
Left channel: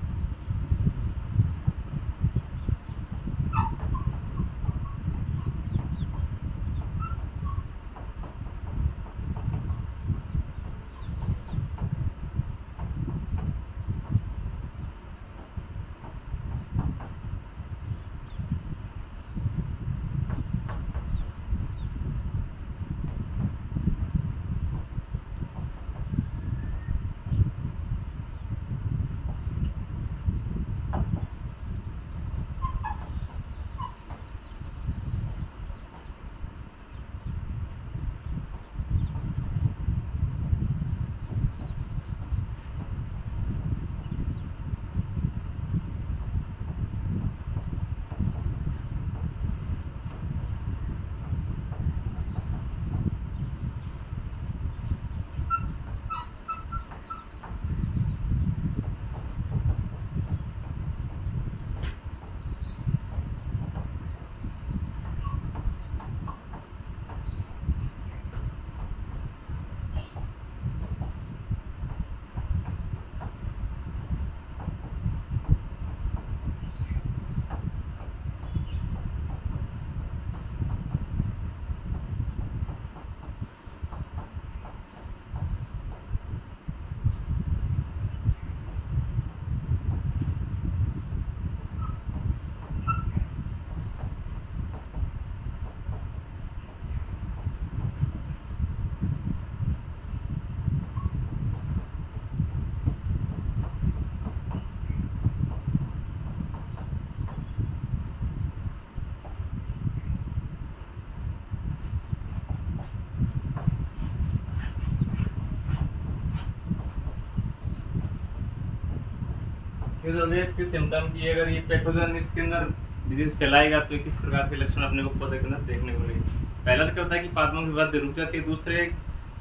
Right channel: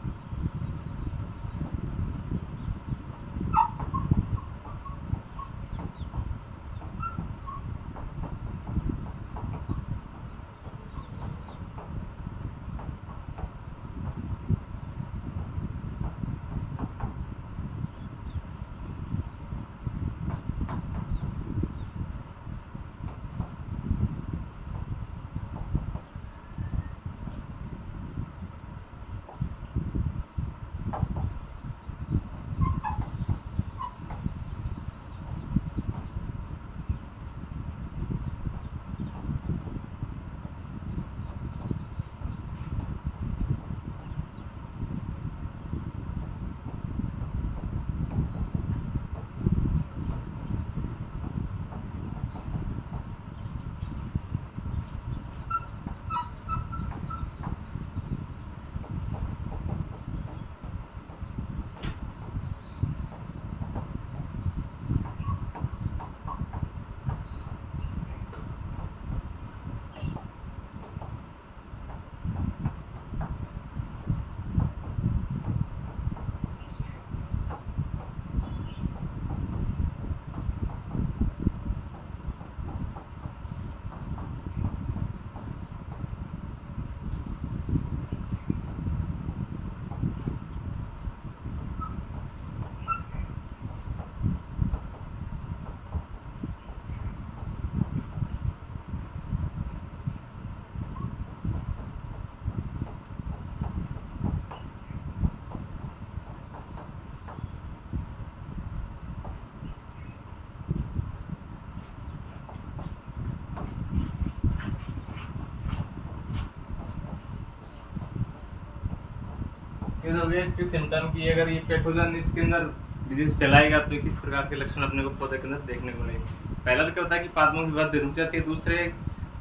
ये तो हो गया इसके सिम्टम की। अगर ये पैथोजन इसके अंदर डिजीज फैलाएगा तो किस प्रकार के लक्षण अपने को पौधे के अंदर देखने को मिलेंगे। पहला तो क्या होता है कि पादपों की वृद्धि रुक जाती है। दूसरे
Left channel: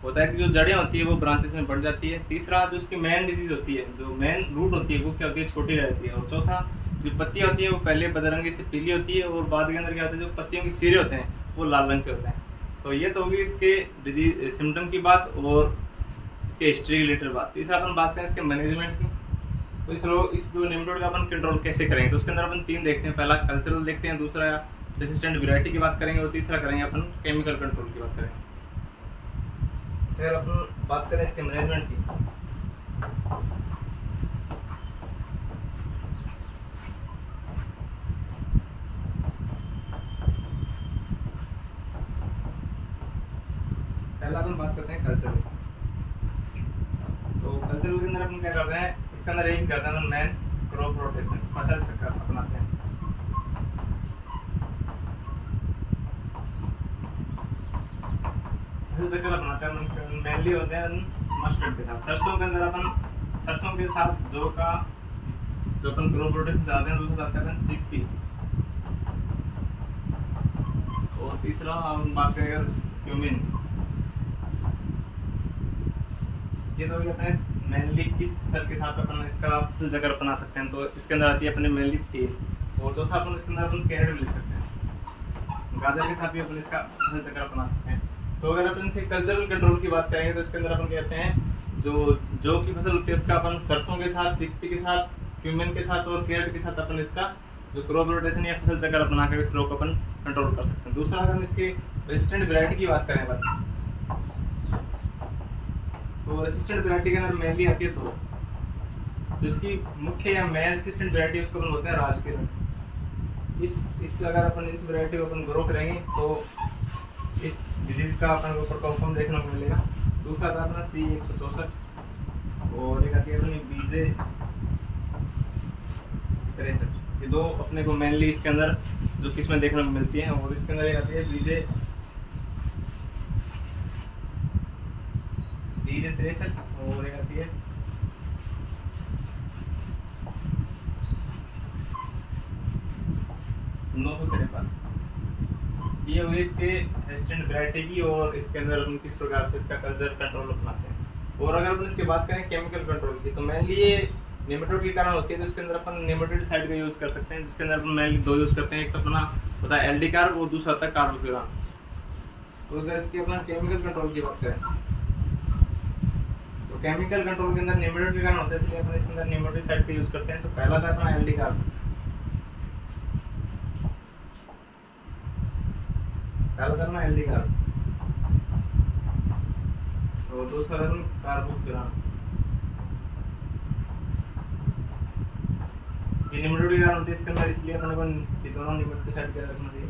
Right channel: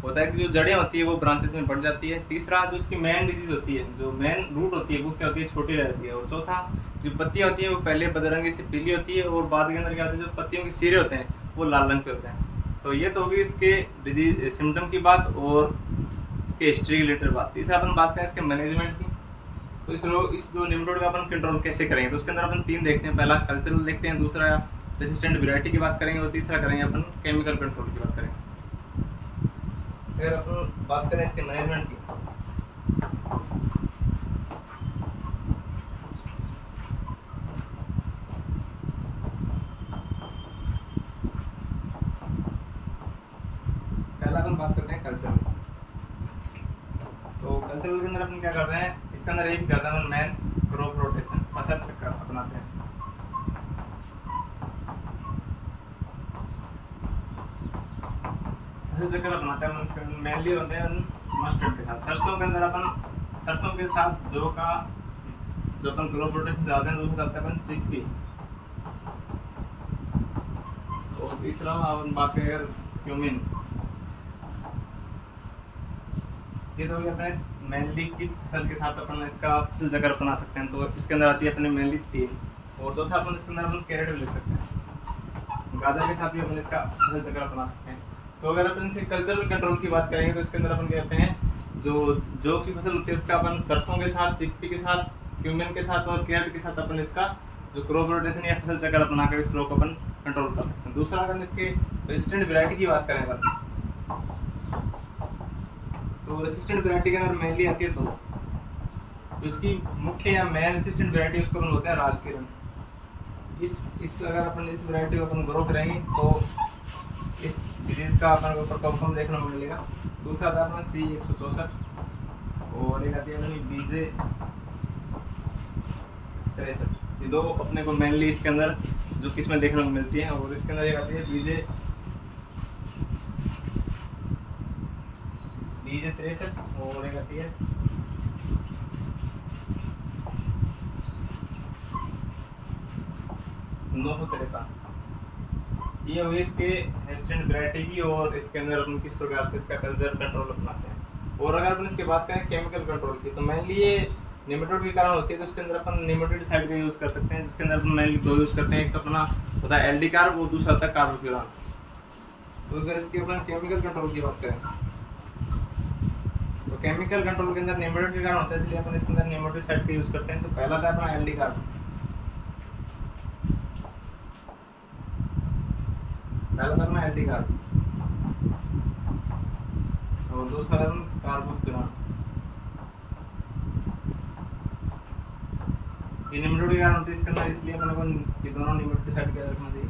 होता है कि जो जड़ें होती है वो ब्रांचेस में बढ़ जाती है। तीसरा जो उसकी मेन डिजीज होती है, जो मेन रूट होती है वो क्या होती है, छोटी रहती है। और चौथा जो पत्तियां होती है वो पहले बदरंगी से पीली होती है और बाद के अंदर क्या होता है, जो पत्तियों के सिरे होते हैं वो लाल रंग के होते हैं। तो ये तो होगी इसके डिजीज सिम्टम की बात और इसके हिस्ट्री रिलेटेड बात। तीसरा अपन बात करें इसके मैनेजमेंट की। तो इस जो निम्नरोड का अपन कंट्रोल कैसे करेंगे, तो उसके अंदर अपन तीन देखते हैं। पहला कल्चरल देखते हैं, दूसरा रेसिस्टेंट वैरायटी की बात करेंगे और तीसरा करेंगे अपन केमिकल कंट्रोल की बात करेंगे। अगर अपन बात करें इसके मैनेजमेंट की, पहला अपन बात करते हैं कल्चरल। तो कल्चरल के अंदर अपन क्या करते हैं, इसके अंदर एक करते हैं मैन क्रॉप रोटेशन, फसल चक्र अपनाते हैं। फसल चक्र अपनाते हैं मेनली होते हैं मस्टर्ड के साथ। सरसों के अंदर अपन सरसों के साथ जो अपन क्रॉप रोटेशन चाहते हैं, दूसरा चाहते हैं अपन चिकपी। और तीसरा अपन बात करें अगर क्यूमिन, ये तो अपने मेनली किस फसल के साथ अपन इसका फसल चक्र अपना सकते हैं, तो इसके अंदर आती है अपने मेनली तेल। और चौथा अपन इसके अंदर अपन कैरेट भी लिख सकते हैं। गाजर के साथ भी अपन इसका फसल चक्र अपना सकते हैं। तो अगर अपन इसे कल्चरल कंट्रोल की बात करेंगे तो इसके अंदर अपन कहते हैं जो की फसल होती है उसका अपन सरसों के साथ, चिकपी के साथ, क्यूमिन के साथ और कैरेट के साथ अपन इसका जो क्रॉप रोटेशन या फसल चक्र अपना कर इस रोग को अपन कंट्रोल कर सकते हैं। दूसरा अगर इसके रेजिस्टेंट वैरायटी की बात करें अपन, तो रेसिस्टेंट वैरायटी के अंदर मेनली आती है तो इसकी मुख्य या मेन रेसिस्टेंट वैरायटी उसको बोलते हैं राजकिरण। इस अगर अपन इस वैरायटी को अपन ग्रो करेंगे तो इस डिजीज का अपन को ऊपर कॉन्फर्म देखने को मिलेगा। दूसरा था अपना C164 और एक आती है अपनी BJ63। ये दो अपने को मेनली इसके अंदर जो किस्में देखने को मिलती हैं। और इसके अंदर एक आती है BJ63 और एक आती है ये हुई इसके रेजिस्टेंट वैरायटी की। और इसके अंदर अपन किस प्रकार से इसका कल्चर कंट्रोल अपनाते हैं। और अगर अपन इसकी बात करें केमिकल कंट्रोल की, तो मेनली ये नेमेटोड के कारण होती है। तो इसके अंदर अपन नेमेटोड का यूज़ कर सकते हैं, जिसके अंदर अपन मेनली दो यूज़ करते हैं। एक तो अपना होता है LD कार्ब और दूसरा होता है कार्बोफ्यूरान। तो अगर इसके अपन केमिकल कंट्रोल की बात करें तो केमिकल कंट्रोल के अंदर नेमेटोड के कारण होता है, इसलिए अपन इसके अंदर नेमेटोसाइड का यूज़ करते हैं। तो पहला था अपना LD कार्ब, पहला करना LD कार्ब और दूसरा करना कार्बोफ्यूरान। ये नेमेटोड के कारण होते हैं इसके अंदर, इसलिए अपन को ये दोनों नेमेटोसाइड का रखना चाहिए।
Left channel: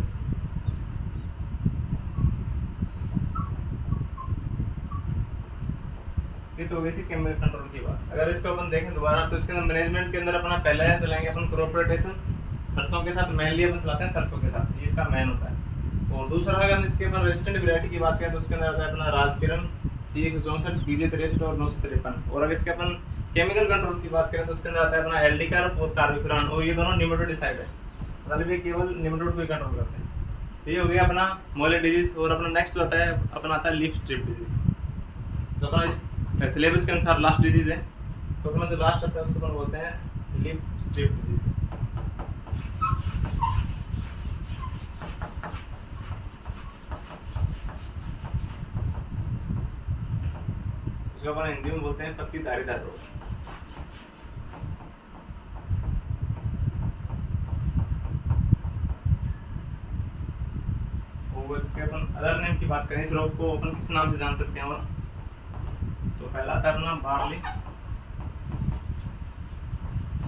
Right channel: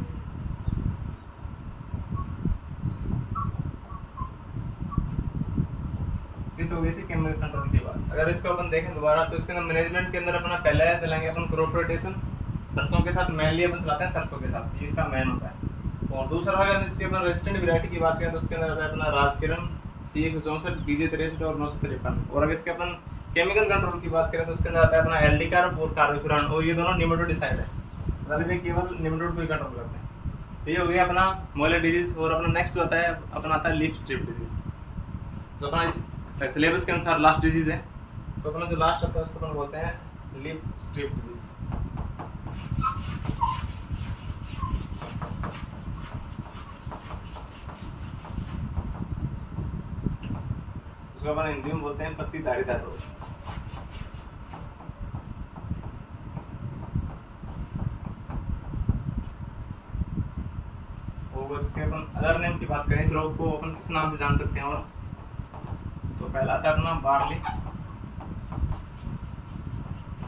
तो हो गई सी केमिकल कंट्रोल की बात। अगर इसको अपन देखें दोबारा तो इसके अंदर मैनेजमेंट के अंदर अपना पहला है चलाएंगे अपन क्रॉप रोटेशन, सरसों के साथ मेनली अपन चलाते हैं सरसों के साथ, ये इसका मेन होता है। और दूसरा अगर इसके अपन रेजिस्टेंट वैरायटी की बात करें तो उसके अंदर आता है अपना राजकिरण, C164, BJ63 और 953। और अगर इसके अपन केमिकल कंट्रोल की बात करें तो उसके अंदर आता है अपना LD कार्ब और कार्बोफ्यूरान। और ये दोनों नेमेटोडिसाइड है, मतलब ये केवल नेमेटोड को ही कंट्रोल करते हैं। तो ये हो गया अपना मोले डिजीज। और अपना नेक्स्ट आता है अपना आता है लीफ स्ट्रिप डिजीज, जो अपना इस सिलेबस के अनुसार लास्ट डिजीज है। तो अपना जो लास्ट आता है उसको अपन बोलते हैं लीफ स्ट्रिप डिजीज। इसको अपन हिंदी में बोलते हैं पत्ती धारीदार रोग। और इसके अपन अदर नेम की बात करें इस रोग को अपन किस नाम से जान सकते हैं। और तो पहला आता है अपना बार्ली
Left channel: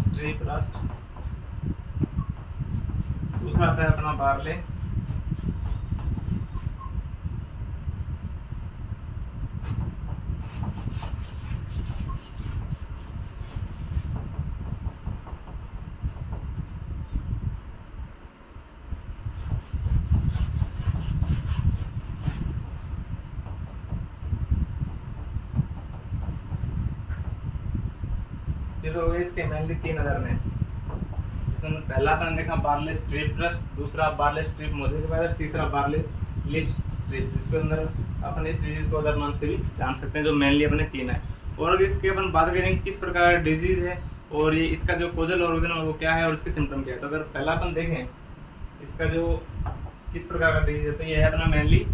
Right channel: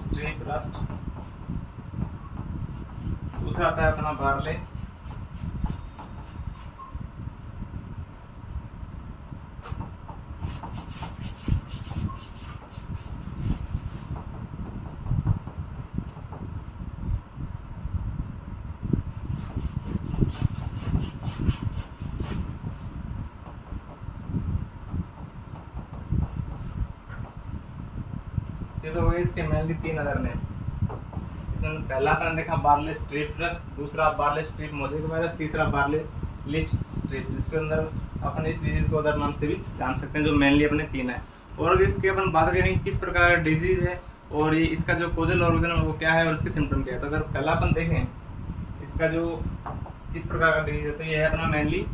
स्ट्रिप रस्ट, दूसरा आता है अपना बार्ले ये तो हो गए इसके मेनली तीन अदर ने। पहला अपन देखा बार्ले स्ट्रिप रस्ट, दूसरा बार्ले स्ट्रिप मोज़ेक वायरस, तीसरा बार्ले लीफ स्ट्रिप, जिसके अंदर अपन इस डिजीज को अदर नाम से भी जान सकते हैं, जो मेनली अपने तीन है। और अगर इसके अपन बात करेंगे किस प्रकार का डिजीज है और ये इसका जो कोजल ऑर्गन है वो क्या है और इसके सिम्टम क्या है। तो अगर पहला अपन देखें इसका जो किस प्रकार का डिजीज है तो ये है अपना मेनली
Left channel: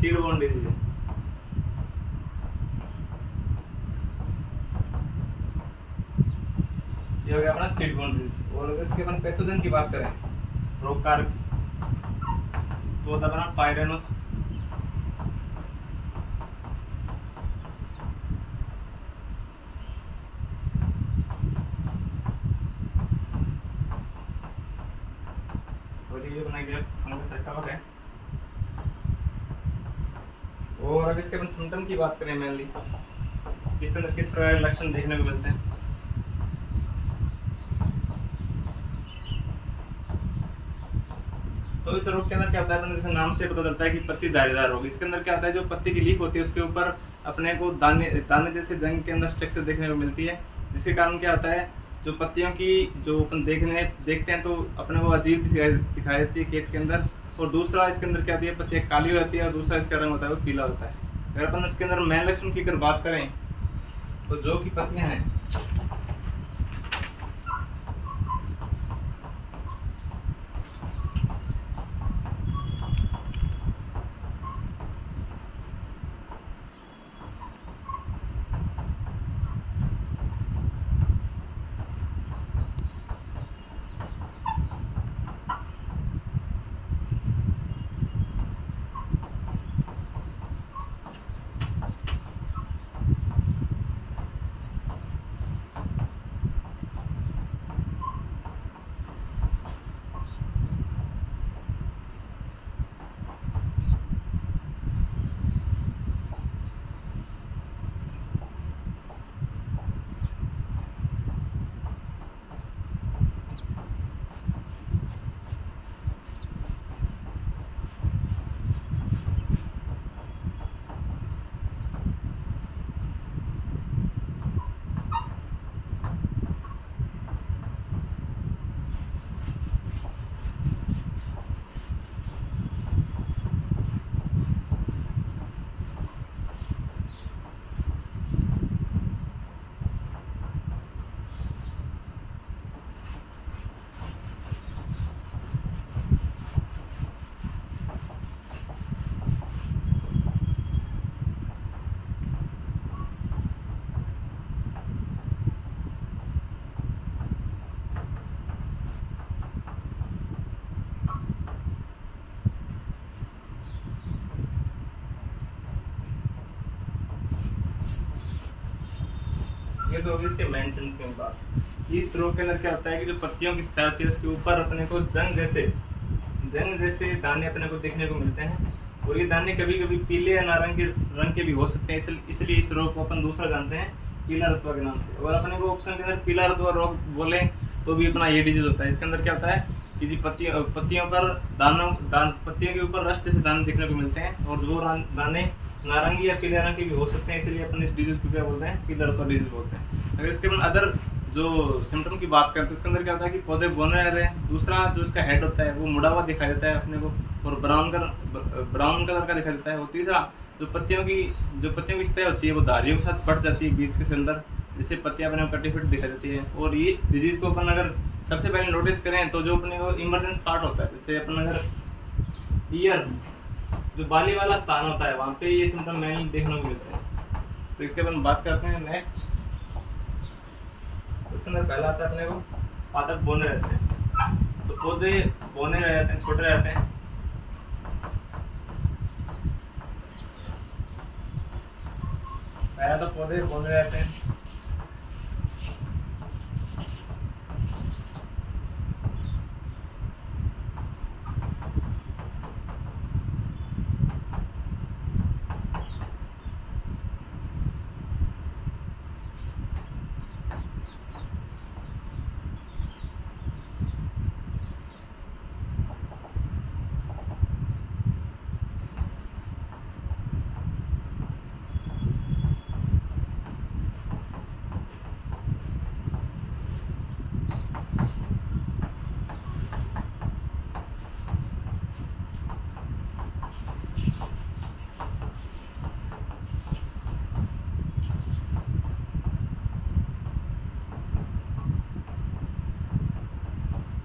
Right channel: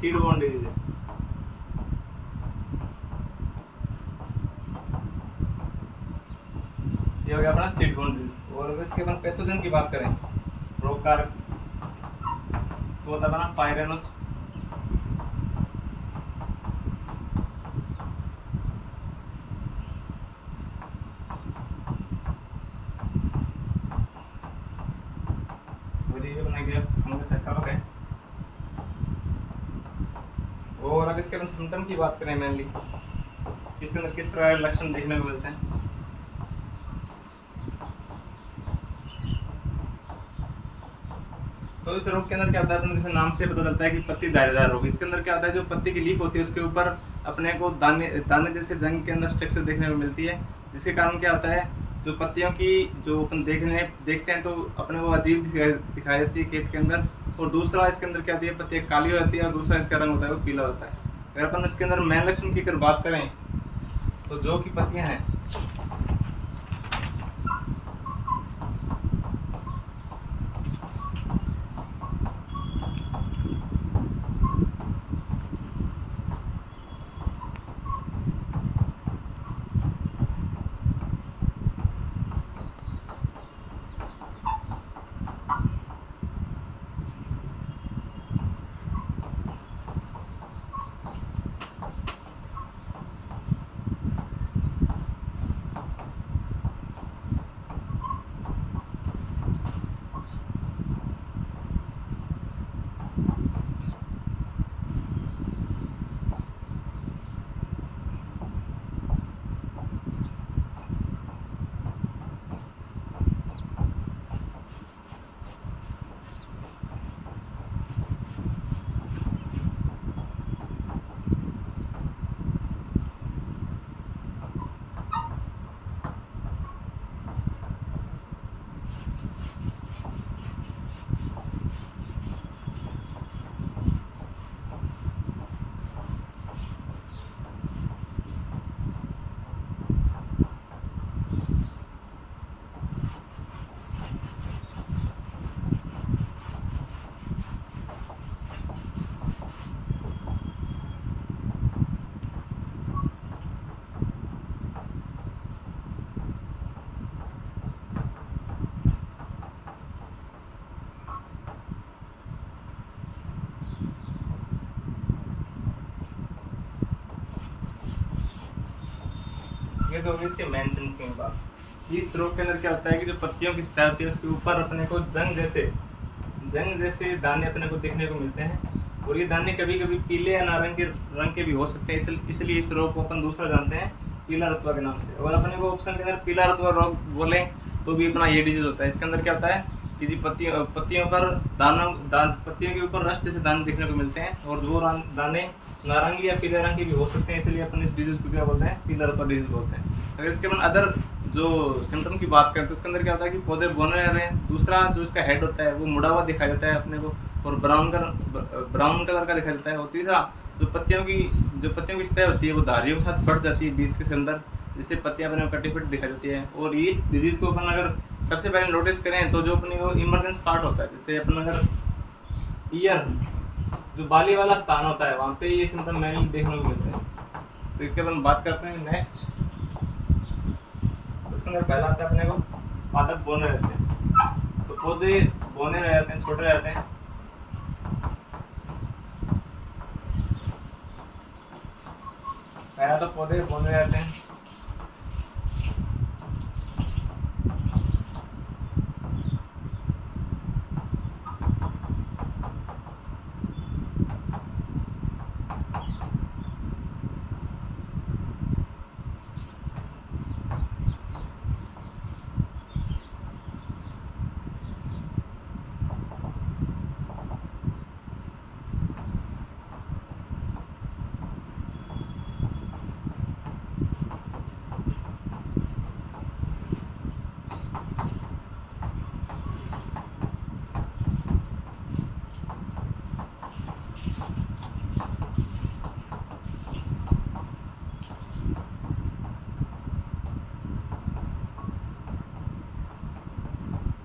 सीड बोर्न डिजीज है। ये हो गया अपना सीड बोर्न डिजीज। और अगर इसके अपन पैथोजन की बात करें रोग कारक तो होता है अपना पायरेनोस, और ये बना गया फंगस है कवक है। और अगर इसके अपन सिम्टम की बात करें मेनली इसके अंदर किस प्रकार के लक्षण देखने को मिलते हैं तो इस रोग के अंदर क्या होता है, अपने जैसे नाम से पता चलता है कि पत्ती धारीदार रोग। इसके अंदर क्या होता है, जो पत्ती की लीफ होती है उसके ऊपर अपने को दाने दाने जैसे जंग के अंदर स्ट्रक्चर देखने को मिलती है, जिसके कारण क्या होता है जो पत्तियों की जो अपन देखते हैं तो अपने को अजीब दिखाई देती है खेत के अंदर। और दूसरा इसके अंदर क्या होती है, पत्तियाँ काली हो जाती है और दूसरा इसका रंग होता है वो पीला होता है। अगर अपन इसके अंदर मेन लक्षण की अगर बात करें तो जो की पत्तियाँ हैं ये तो होगी इसके मेन सिम्टम की बात। इस रोग के अंदर क्या होता है कि जो पत्तियों की सतह होती है उसके ऊपर अपने को जंग जैसे दाने अपने को देखने को मिलते हैं, और ये दाने कभी कभी पीले या नारंगी रंग के भी हो सकते हैं। इसलिए इस रोग को अपन दूसरा जानते हैं पीला रतुआ के नाम से। और अपने को ऑप्शन के अंदर पीला रतुआ रोग बोले तो भी अपना ये डिजीज होता है। इसके अंदर क्या होता है कि जी पत्तियों पर पत्तियों के ऊपर रस्ट जैसे दाने देखने को मिलते हैं, और वो दाने नारंगी या पीले रंग के भी हो सकते हैं। इसलिए अपन इस डिजीज को क्या बोलते हैं, पीला रतुआ डिजीज बोलते हैं। अगर इसके अपन अदर जो सिम्टम की बात करें तो इसके अंदर क्या होता है कि पौधे बौने रहते हैं। दूसरा जो इसका हेड होता है वो मुड़ा हुआ दिखाई देता है अपने को, और ब्राउन कलर का दिखाई देता है। और तीसरा जो पत्तियों की सतह होती है वो धारियों के साथ फट जाती है बीज के अंदर, जिससे पत्तियां अपने कटी फटी दिखाई देती है। और इस डिजीज को अपन अगर सबसे पहले नोटिस करें तो जो अपने को इमरजेंस पार्ट होता है, जैसे अपन अगर ईयर जो बाली वाला स्थान होता है वहाँ पे ये सिम्टम मेनली देखने को मिलते हैं। तो इसके अपन बात करते हैं नेक्स्ट। उसके अंदर पहला आता है अपने को पादप बौने रहते हैं। तो पौधे बौने रहते हैं, छोटे रहते हैं। पहला तो पौधे बौने रहते हैं।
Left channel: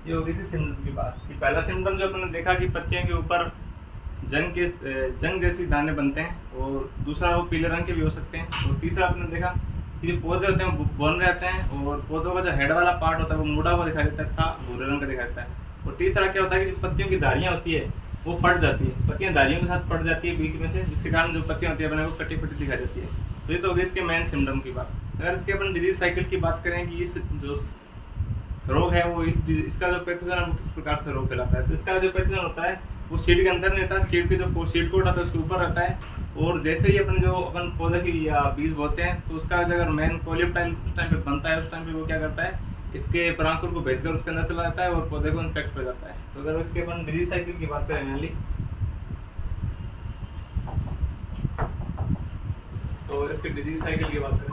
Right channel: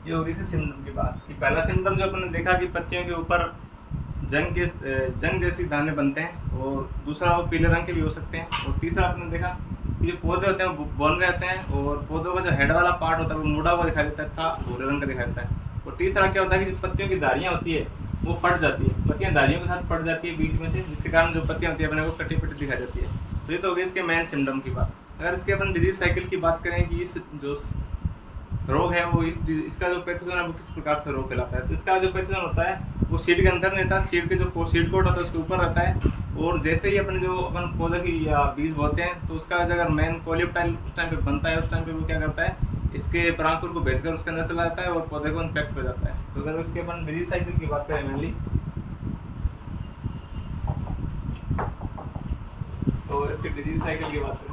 ये होगी इसी सिम्टम की बात कि पहला सिम्टम जो अपने देखा कि पत्तियों के ऊपर जंग जैसी दाने बनते हैं, और दूसरा वो पीले रंग के भी हो सकते हैं। और तीसरा अपने देखा कि जो पौधे होते हैं वो बौन रहते हैं, और पौधों का जो हेड वाला पार्ट होता है वो मुड़ा हुआ दिखाई देता था, भूरे रंग का दिखाई देता है। और तीसरा क्या होता है कि जो पत्तियों की धारियाँ होती है वो फट जाती है, पत्तियाँ धारियों के साथ फट जाती है बीच में से, जिसके कारण जो पत्तियाँ होती है अपने को कटी फटी दिखाई जाती है। तो ये तो होगी इसके मेन सिम्टम की बात। अगर इसके अपन डिजीज साइकिल की बात करें कि इस जो रोग है वो इसका जो पैथोजन है वो किस प्रकार से रोग फैलाता है, तो इसका जो पैथोजन होता है वो सीड के अंदर नहीं रहता, सीड के जो सीड कोट होता है उसके ऊपर रहता है। और जैसे ही अपन पौधे की या बीज बोते हैं तो उसका अगर मेन कोलिप्टाइल उस टाइम पे बनता है, उस टाइम पे वो क्या करता है इसके परांकुर को भेद कर उसके अंदर चला जाता है और पौधे को इन्फेक्ट हो जाता है। तो अगर इसके अपन डिजीज साइकिल की बात करें मेनली, तो इसके डिजीज साइकिल की बात करें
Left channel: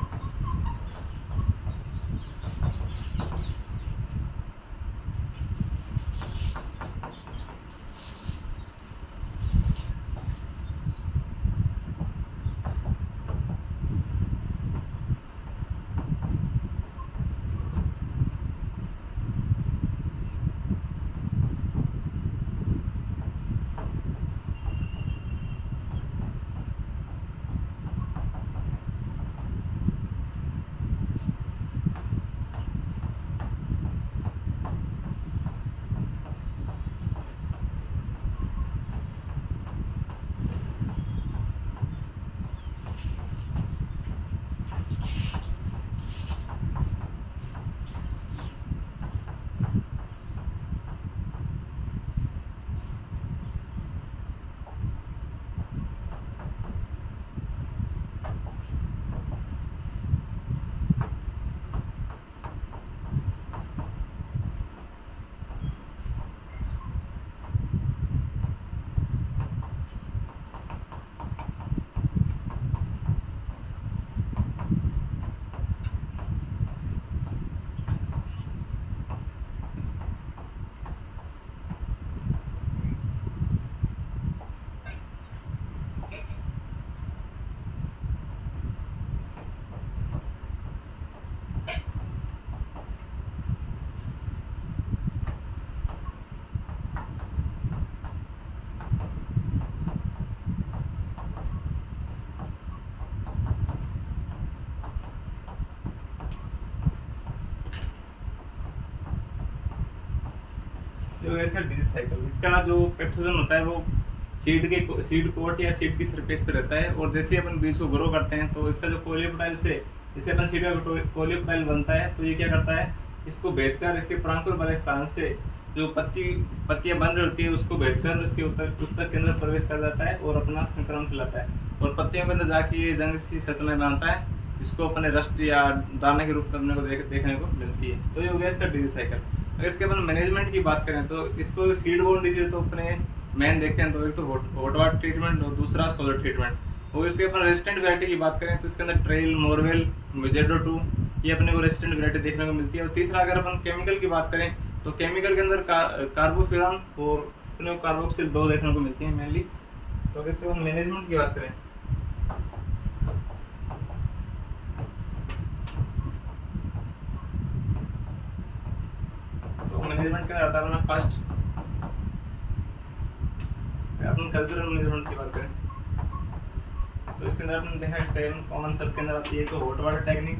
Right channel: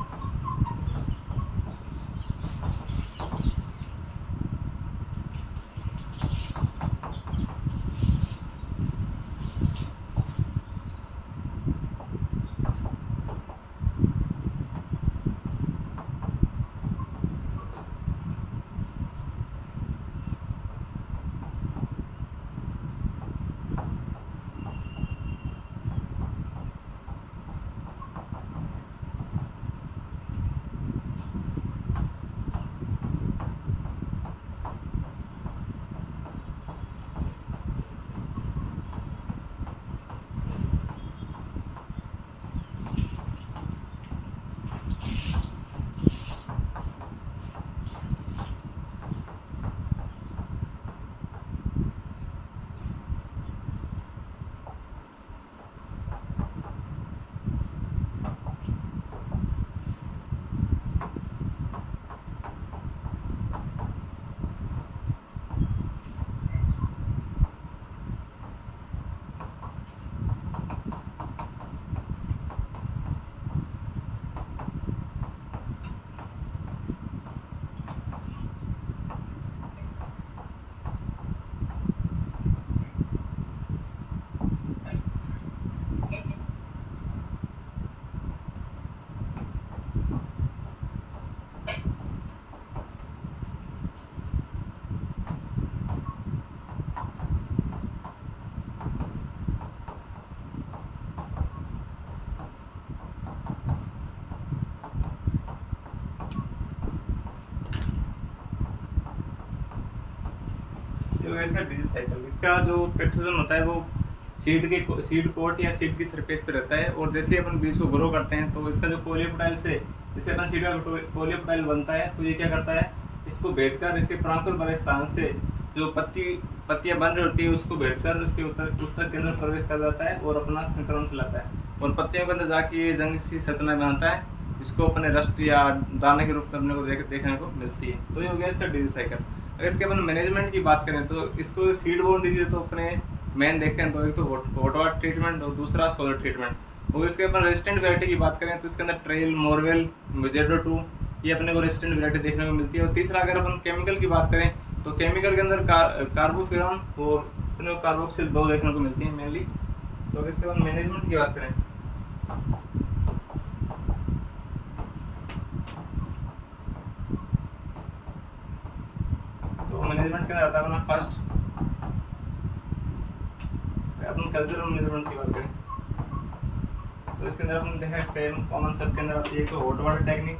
जो है इसका डिजीज साइकिल। इसका जो पैथोजन होता है वो सीड कोट या सीड की सरफेस पे रहता है, और जैसे अपन बीज को ग्रो करते हैं तो इसका जो कोलियोप्टाइल से इससे अपन सीड का पोलियोप्टाइल बनता है। तो ये क्या करता है, इसको भेदकर इसके प्रांकुर वाले स्थान से जो पत्तियां बन रही होती है उसको भेदकर उसके उत्तर के अंदर प्रवेश कर जाता है और अपना संक्रमण फैलाता है और पत्तियों के अंदर जाके ये जंग सी संरचना बनाता है, जिसको अपने रस्ट या दाने के रूप में अपने को देखने को मिलती है। तो ये हो गया इसका डिजीज साइकिल। अगर इसके अपन मैनेजमेंट की बात करें तो इसको सीड बोर्न डिजीज तो अपने मेन देखते हैं, तो एक तो हॉटवाटर ट्रीटमेंट और दूसरा सोलर ट्रीटमेंट। और इसके अपन रेजिस्टेंट वैरायटी की बात करें तो इसके अंदर ट्रेल, मोरवेल, विजेडो 2 ये अपने को रेजिस्टेंट वैरायटी देखने को मिलती है। और तीसरा अगर अपन केमिकल की बात करें तो केमिकल के अंदर कार्बोफ्यूरॉन और अपने को कार्बोक्सिल 2 देखने को मिलती है मेनली। तो अगर इसके बाद मैनेजमेंट की बात करें तो मैनेजमेंट के अंदर आता है अपना फर्स्ट अपन कल्चरल मैनेजमेंट की बात करें तो इसके अंदर अपन देखा सेम कॉमन सब के अंदर आती है। तो hot water technique,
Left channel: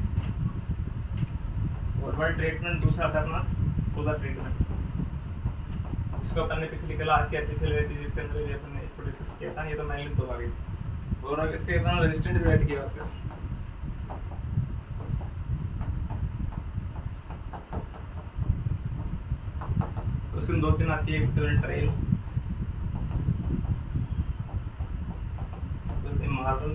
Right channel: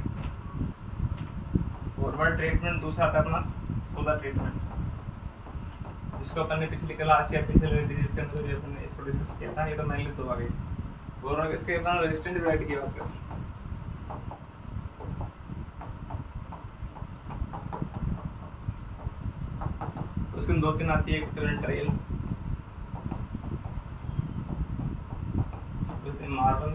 hot water treatment, दूसरा आता है अपना सोलर ट्रीटमेंट, जिसको अपन ने पिछली क्लास या पिछले डिजीज के अंदर भी अपन ने इसको डिस्कस किया था। ये तो मेनली तो आ गई। और इसके अपन रेजिस्टेंट वैरायटी की बात करें तो उसके 2-3 आती है, एक ट्रेल, मार्बल,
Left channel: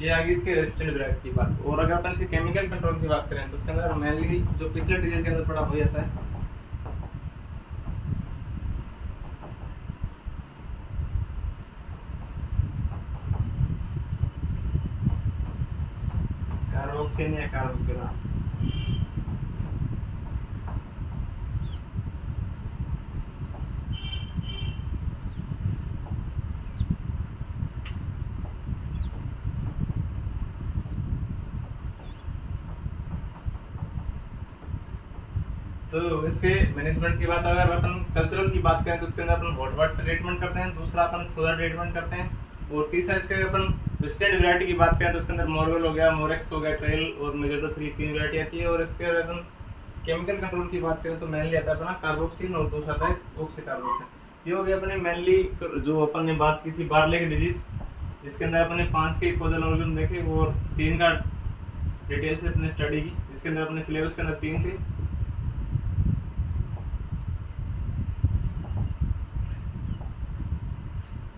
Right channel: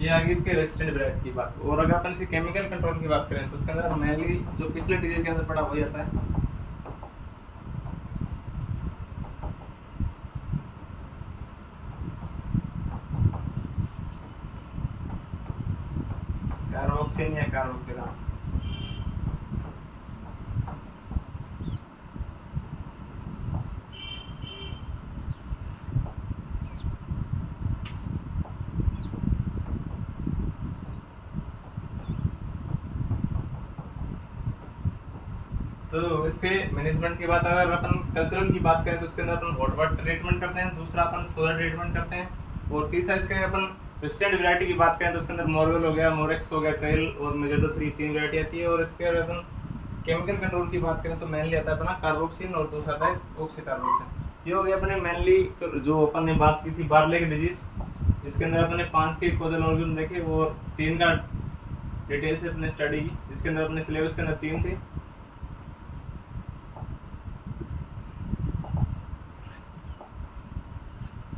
ये आगे इसके रेजिस्टेंट वैरायटी की बात। और अगर अपन इसे केमिकल कंट्रोल की बात करें तो इसके अंदर मेनली जो पिछले डिजीज के अंदर पड़ा हो जाता है कार्बोक्सिन या कार्बोफ्यूरॉन। तो इसके मैनेजमेंट की बात अगर अपन कल्चरल की बात करें तो इसके अंदर अपन हॉट वाटर ट्रीटमेंट करते हैं, दूसरा अपन सोलर ट्रीटमेंट करते हैं, और तीसरा इसके अपन रेजिस्टेंट वैरायटी की बात करें तो उसके अंदर मोरवेल हो गया, मोरेक्स हो गया, ट्रेल और मेजोडो 3 तीन वैरायटी आती है। और इसके अगर अपन केमिकल कंट्रोल की बात करें तो मेनली आता है अपना कार्बोक्सिन और दूसरा आता है ऑक्सीकार्बोक्सिन। ये हो गया अपने मेनली जो अपन ने बात की थी बार्ले की डिजीज, जिसके अंदर अपने 5 के कॉजल ऑर्गन देखे और 3 का डिटेल से अपने स्टडी की, जिसके अंदर अपने सिलेबस के अंदर 3 थे।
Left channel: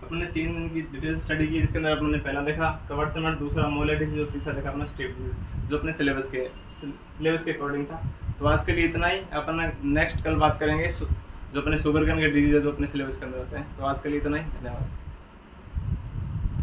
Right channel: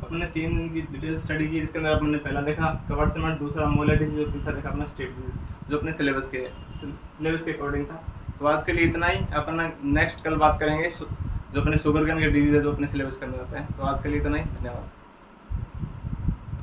अपने 3 की डिटेल स्टडी की, जिसके अंदर अपने पहला देखा कवर्ड सीमेंट, दूसरा मोलर डिजीज और तीसरा देखा अपना स्टेप डिजीज, जो अपने सिलेबस के अकॉर्डिंग था। तो आज के लिए इतना ही। अपन नेक्स्ट कल बात करेंगे जो अपने शुगर कैन के डिजीज है जो अपने सिलेबस के अंदर आते हैं। तो आज के लिए इतना ही, धन्यवाद।